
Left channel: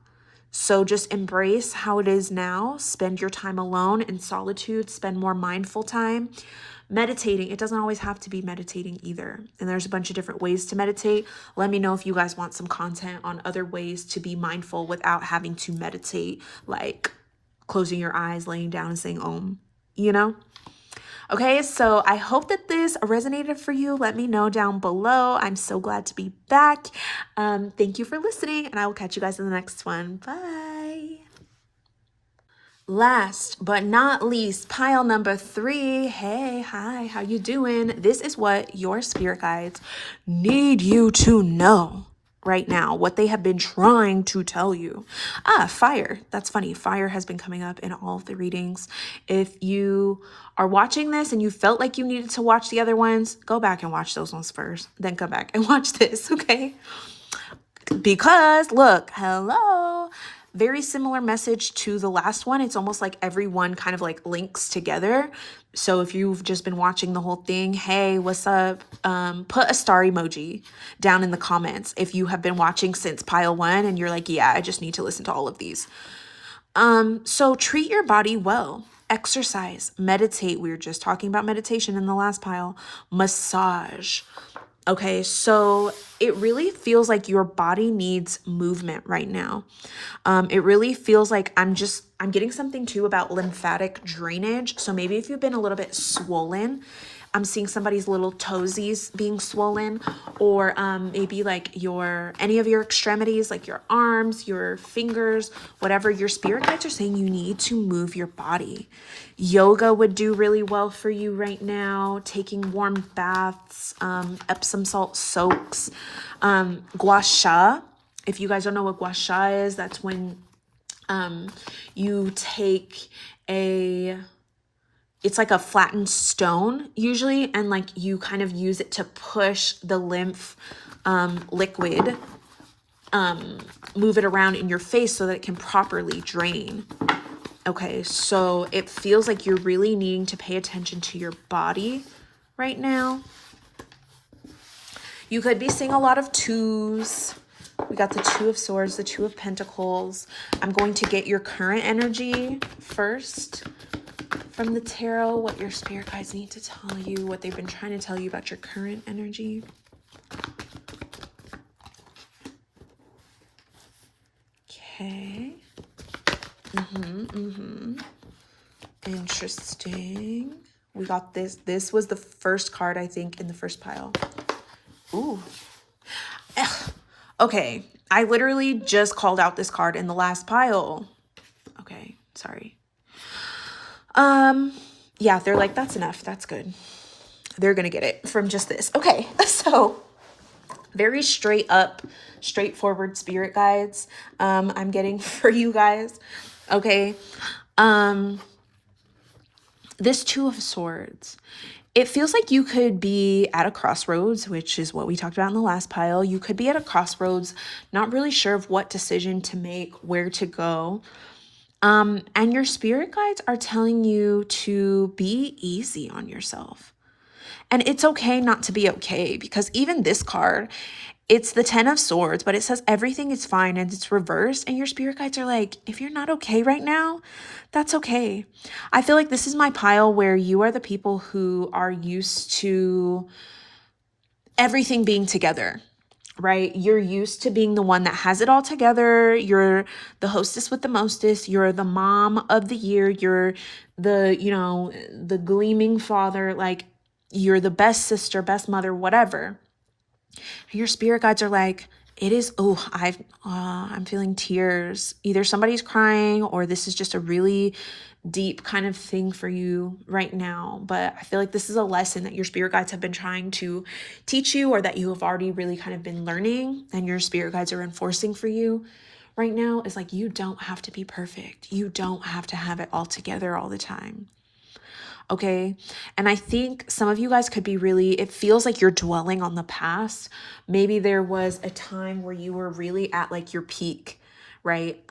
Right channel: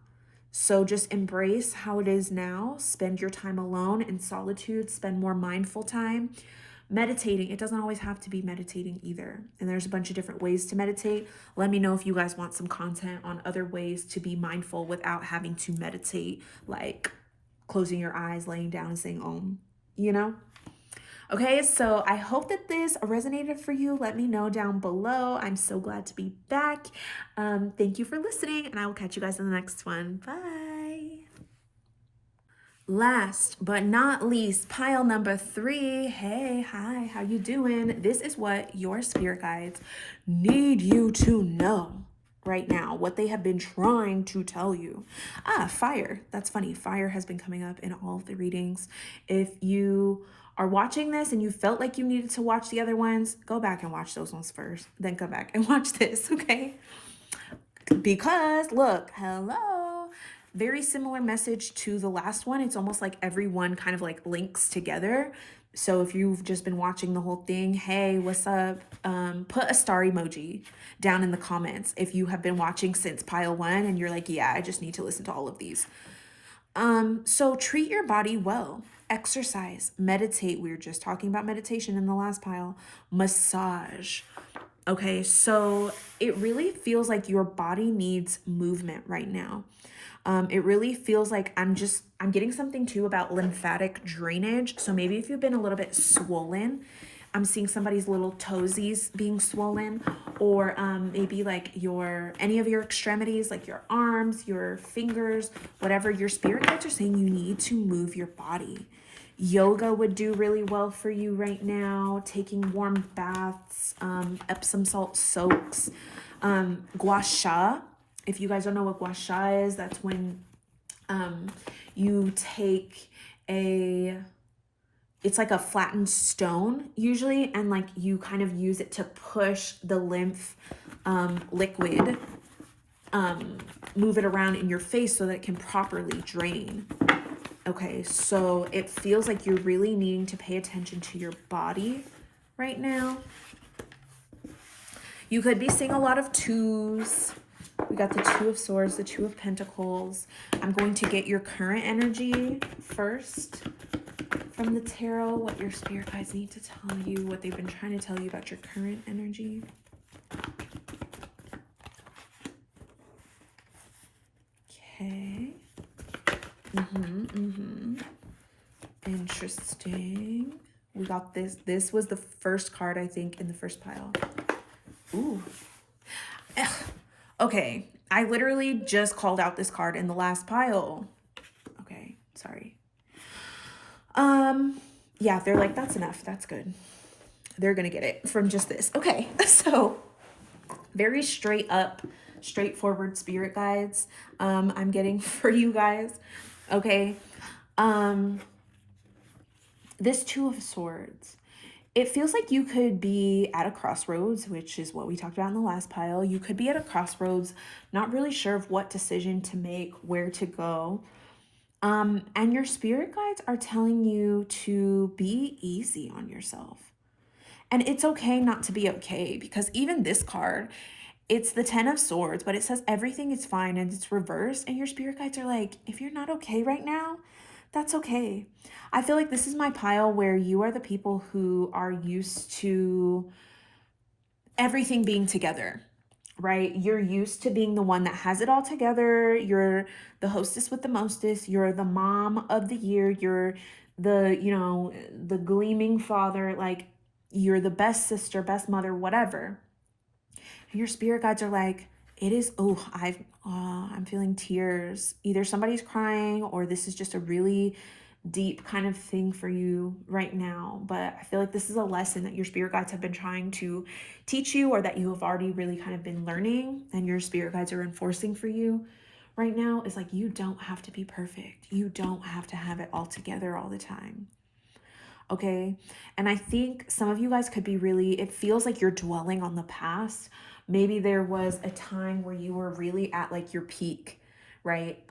So just embrace how it is now. Spend your time alone in solitude. Spend more mindful time. Meditating, it doesn't always have to be meditating either. And there's a bunch of different ways to meditate. Let me know if you guys want some content on other ways to be mindful without having to meditate, like closing your eyes, laying down and saying Om, Okay, so I hope that this resonated for you. Let me know down below. I'm so glad to be back. Thank you for listening, and I will catch you guys in the next one. Bye. Last but not least, pile number 3. Hey, hi, how you doing? This is what your spirit guides need you to know right now, what they have been trying to tell you. Fire. That's funny. Fire has been coming up in all of the readings. If you are watching this and you felt like you needed to watch the other ones, go back and watch those ones first, then come back and watch this, okay? Because look, hello, very similar message to the last one. It's almost like every one kind of like links together. So if you've just been watching the whole thing, hey, what's up? Put a star emoji down in the comments if you have been watching since pile 1 and you're like, yeah, I just need to listen to all of these. So treat your body well. Exercise, meditate. We were just talking about meditation in the last pile. Massage. Okay, so it really feels like your body needs movement right now. It really feels like I'm getting something too about lymphatic drainage. So maybe if you've been a little bit swollen, I'm seeing somebody's little toesies being swollen, or maybe like any of your extremities, like your arms, your fingers, whatever. Your spirit guides are saying you need to move your body. Yoga would do really well for you right now. Taking warm baths, Epsom salt soaks, gua sha. If you guys don't know what gua sha is, that's when you take it's like a flattened stone usually, and like you kind of use it to push the lymph liquid, move it around in your face so that it can properly drain. Okay, so it feels like you're really needing to pay attention to your body right now. You could be seeing a lot of 2s. We got the 2 of Swords, the 2 of Pentacles. I'm going to get your current energy first from the tarot, what your spirit guides need to tell you, what they've been trying to tell you about your current energy. Okay. Interesting. We got this. This was the first card, I think, in the first pile. Ooh. Ugh. Okay. I literally just called out this card in the last pile. Okay. Sorry. Yeah, they're like, that's enough. That's good. They're going to get it from just this. Okay. So very straight up, straightforward spirit guides, I'm getting for you guys. Okay. This 2 of Swords, it feels like you could be at a crossroads, which is what we talked about in the last pile. You could be at a crossroads, not really sure of what decision to make, where to go. And your spirit guides are telling you to be easy on yourself. And it's okay not to be okay, because even this card, it's the 10 of Swords, but it says everything is fine and it's reversed. And your spirit guides are like, if you're not okay right now, that's okay. I feel like this is my pile where you are the people who are used to everything being together, right? You're used to being the one that has it all together. You're the hostess with the mostest. You're the mom of the year. You're the gleaming father. Like, you're the best sister, best mother, whatever. And your spirit guides are like, I'm feeling tears. Either somebody's crying or this is just a really deep kind of thing for you right now. But I feel like this is a lesson that your spirit guides have been trying to teach you, or that you have already really kind of been learning and your spirit guides are enforcing for you right now. Is like, you don't have to be perfect. You don't have to have it all together all the time. Okay. And I think some of you guys could be it feels like you're dwelling on the past. Maybe there was a time where you were really at like your peak, right?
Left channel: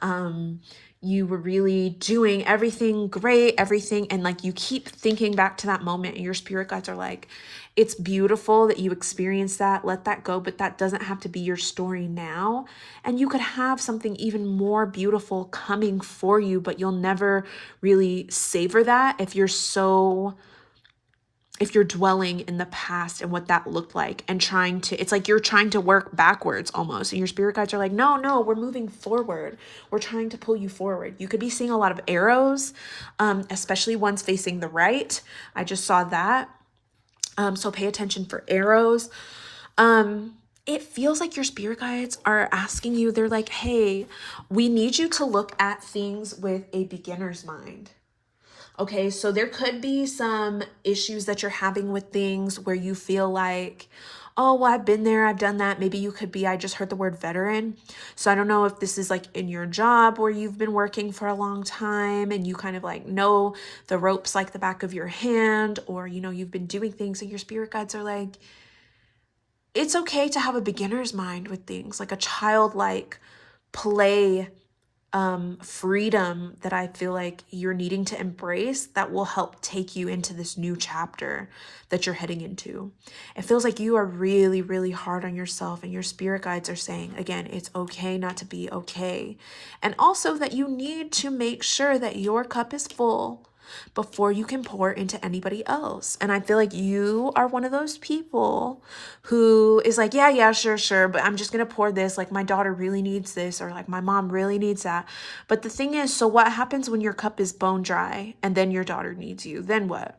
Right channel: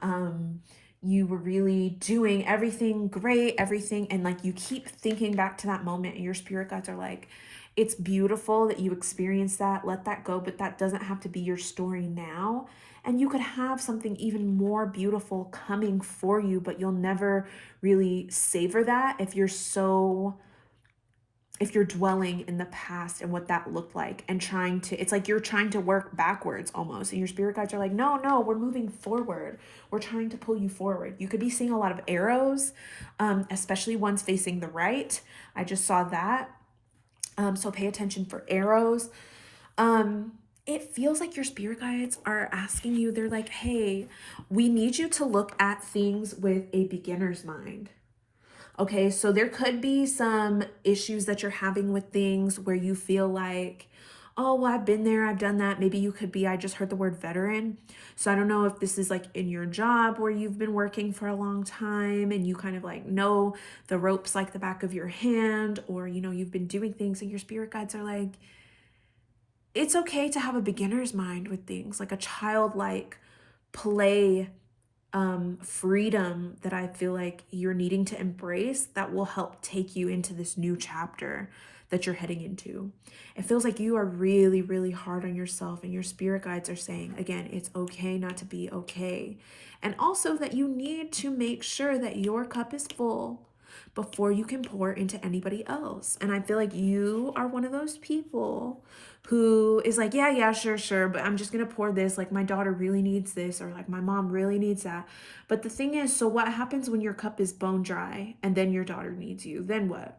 You were really doing everything great, and like you keep thinking back to that moment, and your spirit guides are like, it's beautiful that you experienced that, let that go, but that doesn't have to be your story now. And you could have something even more beautiful coming for you, but you'll never really savor that if you're dwelling in the past and what that looked like, and it's like you're trying to work backwards almost. And your spirit guides are like, no, we're moving forward. We're trying to pull you forward. You could be seeing a lot of arrows, especially ones facing the right. I just saw that. So pay attention for arrows. It feels like your spirit guides are asking you, they're like, hey, we need you to look at things with a beginner's mind. Okay, so there could be some issues that you're having with things where you feel like, oh, well, I've been there, I've done that. Maybe you could be, I just heard the word veteran. So I don't know if this is like in your job where you've been working for a long time and you kind of like know the ropes like the back of your hand, or, you know, you've been doing things and your spirit guides are like, it's okay to have a beginner's mind with things, like a childlike play, freedom that I feel like you're needing to embrace that will help take you into this new chapter that you're heading into. It feels like you are really, really hard on yourself, and your spirit guides are saying, again, it's okay not to be okay. And also that you need to make sure that your cup is full before you can pour into anybody else. And I feel like you are one of those people who is like, yeah, sure, but I'm just gonna pour this, like my daughter really needs this, or like my mom really needs that. But the thing is, so what happens when your cup is bone dry and then your daughter needs you? Then what?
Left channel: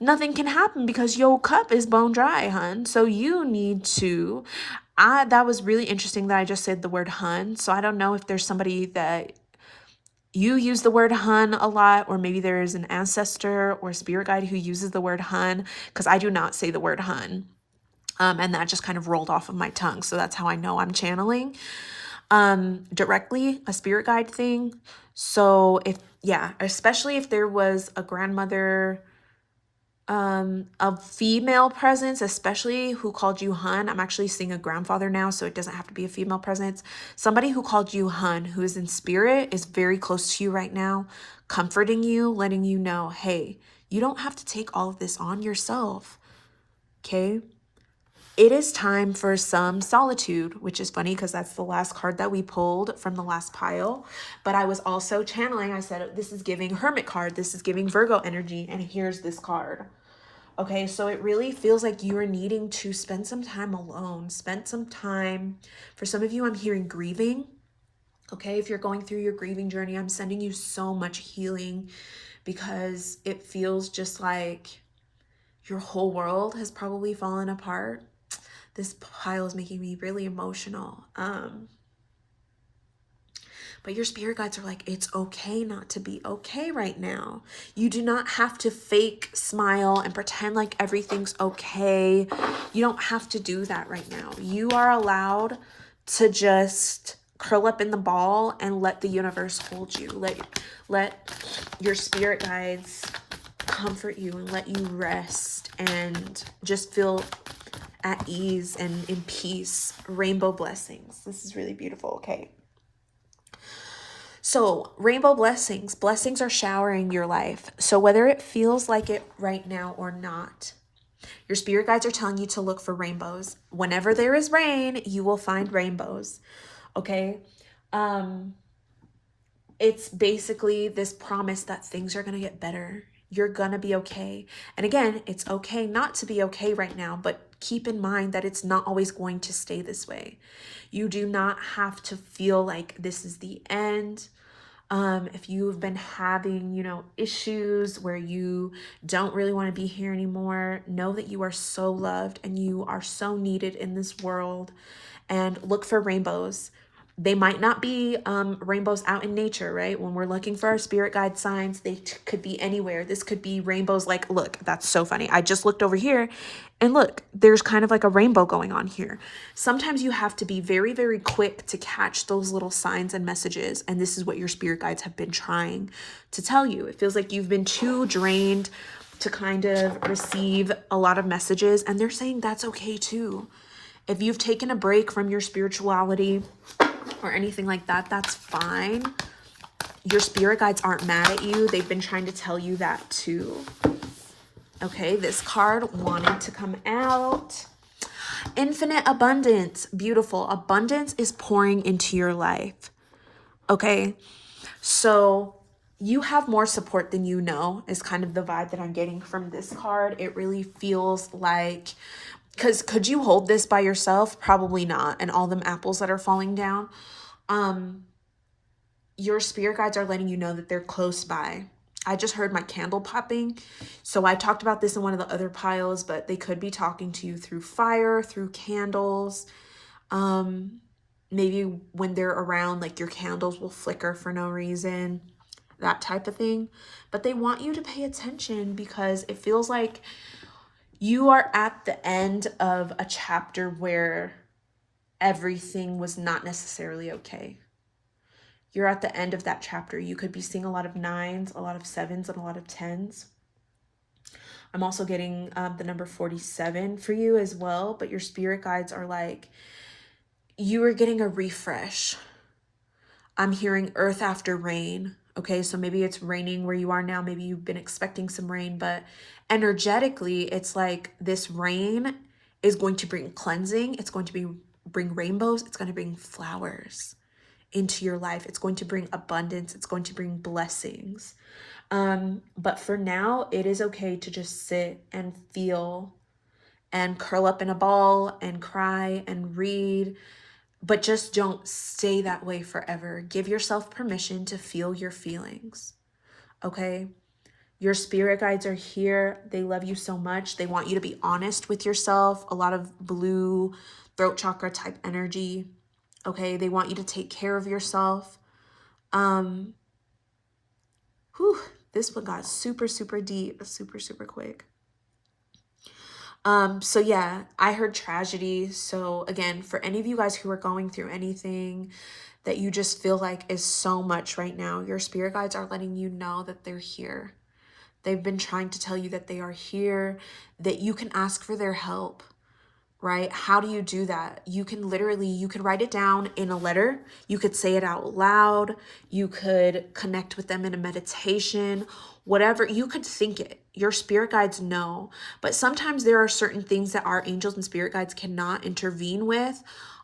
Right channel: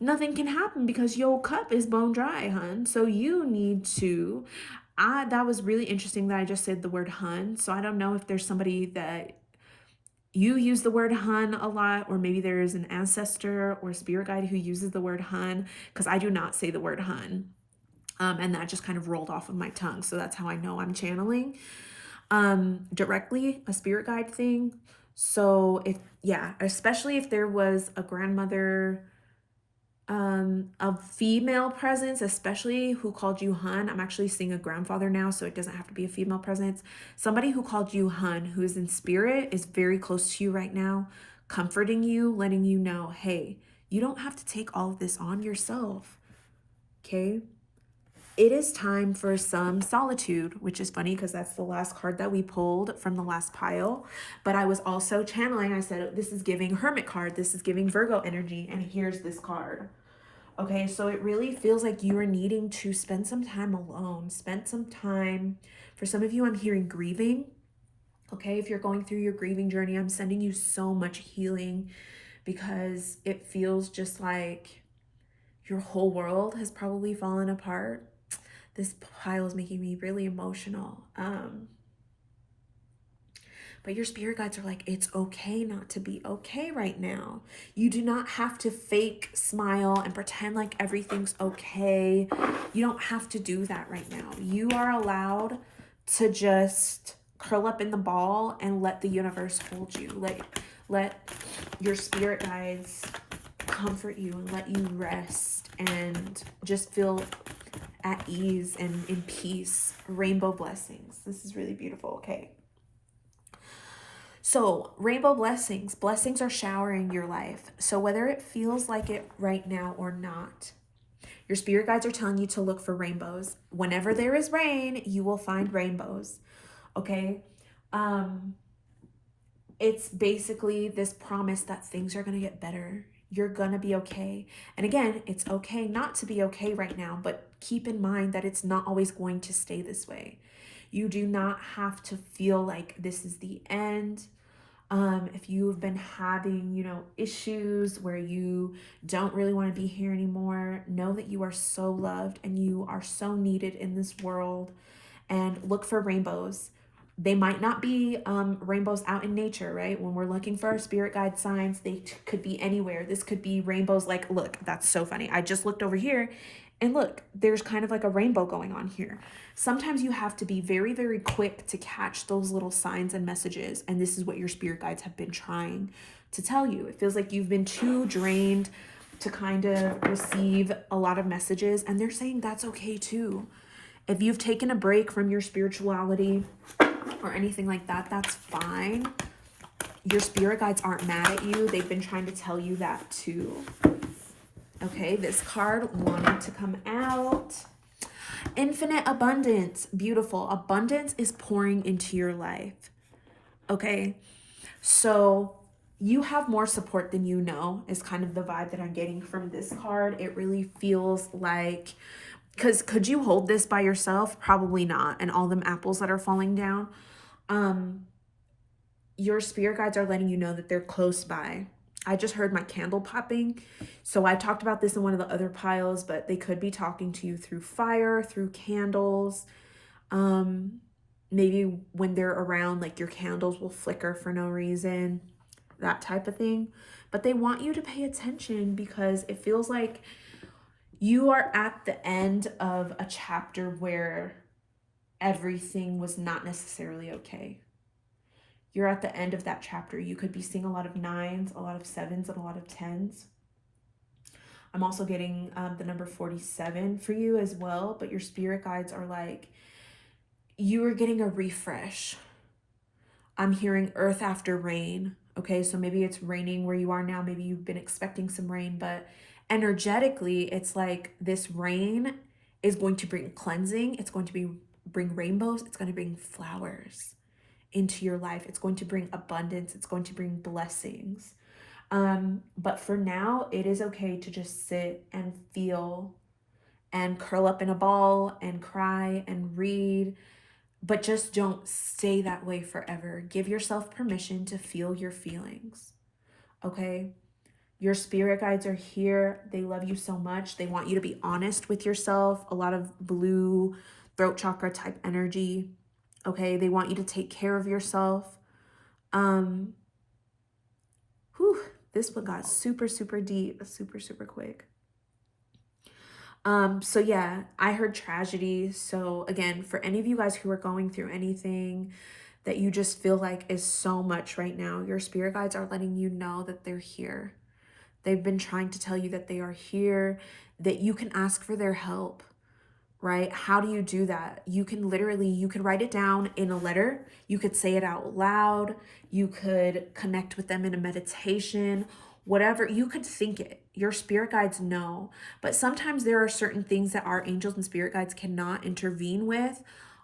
Nothing can happen because your cup is bone dry, hun. So you need to, that was really interesting that I just said the word hun. So I don't know if there's somebody that you use the word hun a lot, or maybe there is an ancestor or spirit guide who uses the word hun, because I do not say the word hun. And that just kind of rolled off of my tongue. So that's how I know I'm channeling directly a spirit guide thing. So especially if there was a grandmother, a female presence, especially who called you hun. I'm actually seeing a grandfather now, so it doesn't have to be a female presence. Somebody who called you hun, who is in spirit, is very close to you right now, comforting you, letting you know, hey, you don't have to take all of this on yourself. Okay? It is time for some solitude, which is funny because that's the last card that we pulled from the last pile. But I was also channeling, I said, this is giving Hermit card, this is giving Virgo energy, and here's this card. Okay, so it really feels like you are needing to spend some time alone, spend some time. For some of you, I'm hearing grieving. Okay, if you're going through your grieving journey, I'm sending you so much healing, because it feels just like your whole world has probably fallen apart. This pile is making me really emotional. But your spirit guides are like, it's okay not to be okay right now. You do not have to fake smile and pretend like everything's okay. You don't have to do that right now. You are allowed to just curl up in the ball and let the universe hold you. Let your spirit guides comfort you and let you rest and just feel at ease and in peace. Rainbow blessings. This is really beautiful. Okay. So rainbow blessings are showering your life. So whether it feels like it right now or not, your spirit guides are telling you to look for rainbows. Whenever there is rain, you will find rainbows. Okay. It's basically this promise that things are going to get better. You're going to be okay. And again, it's okay not to be okay right now, but keep in mind that it's not always going to stay this way. You do not have to feel like this is the end. If you've been having, issues where you don't really want to be here anymore, know that you are so loved and you are so needed in this world, and look for rainbows. They might not be rainbows out in nature, right? When we're looking for our spirit guide signs, they could be anywhere. This could be rainbows. Like, look, that's so funny. I just looked over here and look, there's kind of like a rainbow going on here. Sometimes you have to be very, very quick to catch those little signs and messages. And this is what your spirit guides have been trying to tell you. It feels like you've been too drained to kind of receive a lot of messages, and they're saying that's okay too. If you've taken a break from your spirituality or anything like that, that's fine. Your spirit guides aren't mad at you. They've been trying to tell you that too. Okay, this card wanted to come out. Infinite abundance. Beautiful. Abundance is pouring into your life. Okay, so you have more support than you know is kind of the vibe that I'm getting from this card. It really feels like, because could you hold this by yourself? Probably not. And all them apples that are falling down. Your spirit guides are letting you know that they're close by. I just heard my candle popping. So I talked about this in one of the other piles, but they could be talking to you through fire, through candles. Maybe when they're around, like your candles will flicker for no reason, that type of thing. But they want you to pay attention, because it feels like You are at the end of a chapter where everything was not necessarily okay. You're at the end of that chapter. You could be seeing a lot of 9s, a lot of 7s, and a lot of 10s. I'm also getting the number 47 for you as well, but your spirit guides are like, you are getting a refresh. I'm hearing earth after rain. Okay, so maybe it's raining where you are now. Maybe you've been expecting some rain, but energetically, it's like this rain is going to bring cleansing. It's going to bring rainbows. It's going to bring flowers into your life. It's going to bring abundance. It's going to bring blessings. But for now, it is okay to just sit and feel and curl up in a ball and cry and read, but just don't stay that way forever. Give yourself permission to feel your feelings, okay? Your spirit guides are here. They love you so much. They want you to be honest with yourself. A lot of blue throat chakra type energy, okay? They want you to take care of yourself. This one got super, super deep, super, super quick. So yeah, I heard tragedy. So again, for any of you guys who are going through anything that you just feel like is so much right now, your spirit guides are letting you know that they're here. They've been trying to tell you that they are here, that you can ask for their help, right? How do you do that? You can write it down in a letter. You could say it out loud. You could connect with them in a meditation, whatever. You could think it. Your spirit guides know. But sometimes there are certain things that our angels and spirit guides cannot intervene with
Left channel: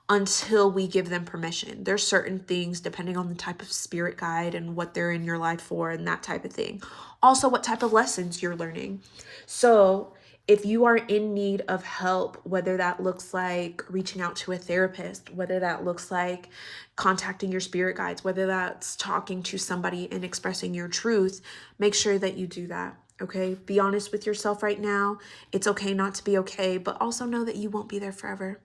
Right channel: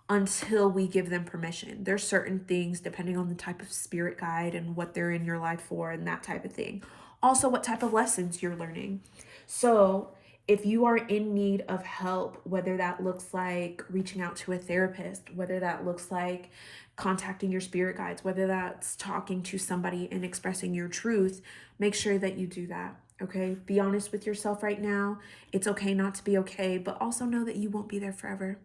until we give them permission. There's certain things depending on the type of spirit guide and what they're in your life for and that type of thing. Also, what type of lessons you're learning. So if you are in need of help, whether that looks like reaching out to a therapist, whether that looks like contacting your spirit guides, whether that's talking to somebody and expressing your truth, make sure that you do that, okay? Be honest with yourself right now. It's okay not to be okay, but also know that you won't be there forever.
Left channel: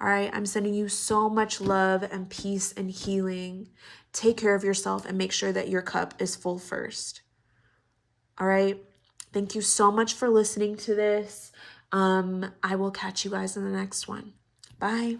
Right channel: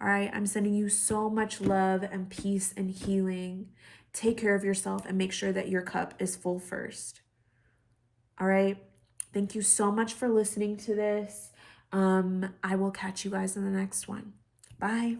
All right, I'm sending you so much love and peace and healing. Take care of yourself and make sure that your cup is full first. All right. Thank you so much for listening to this. I will catch you guys in the next one. Bye.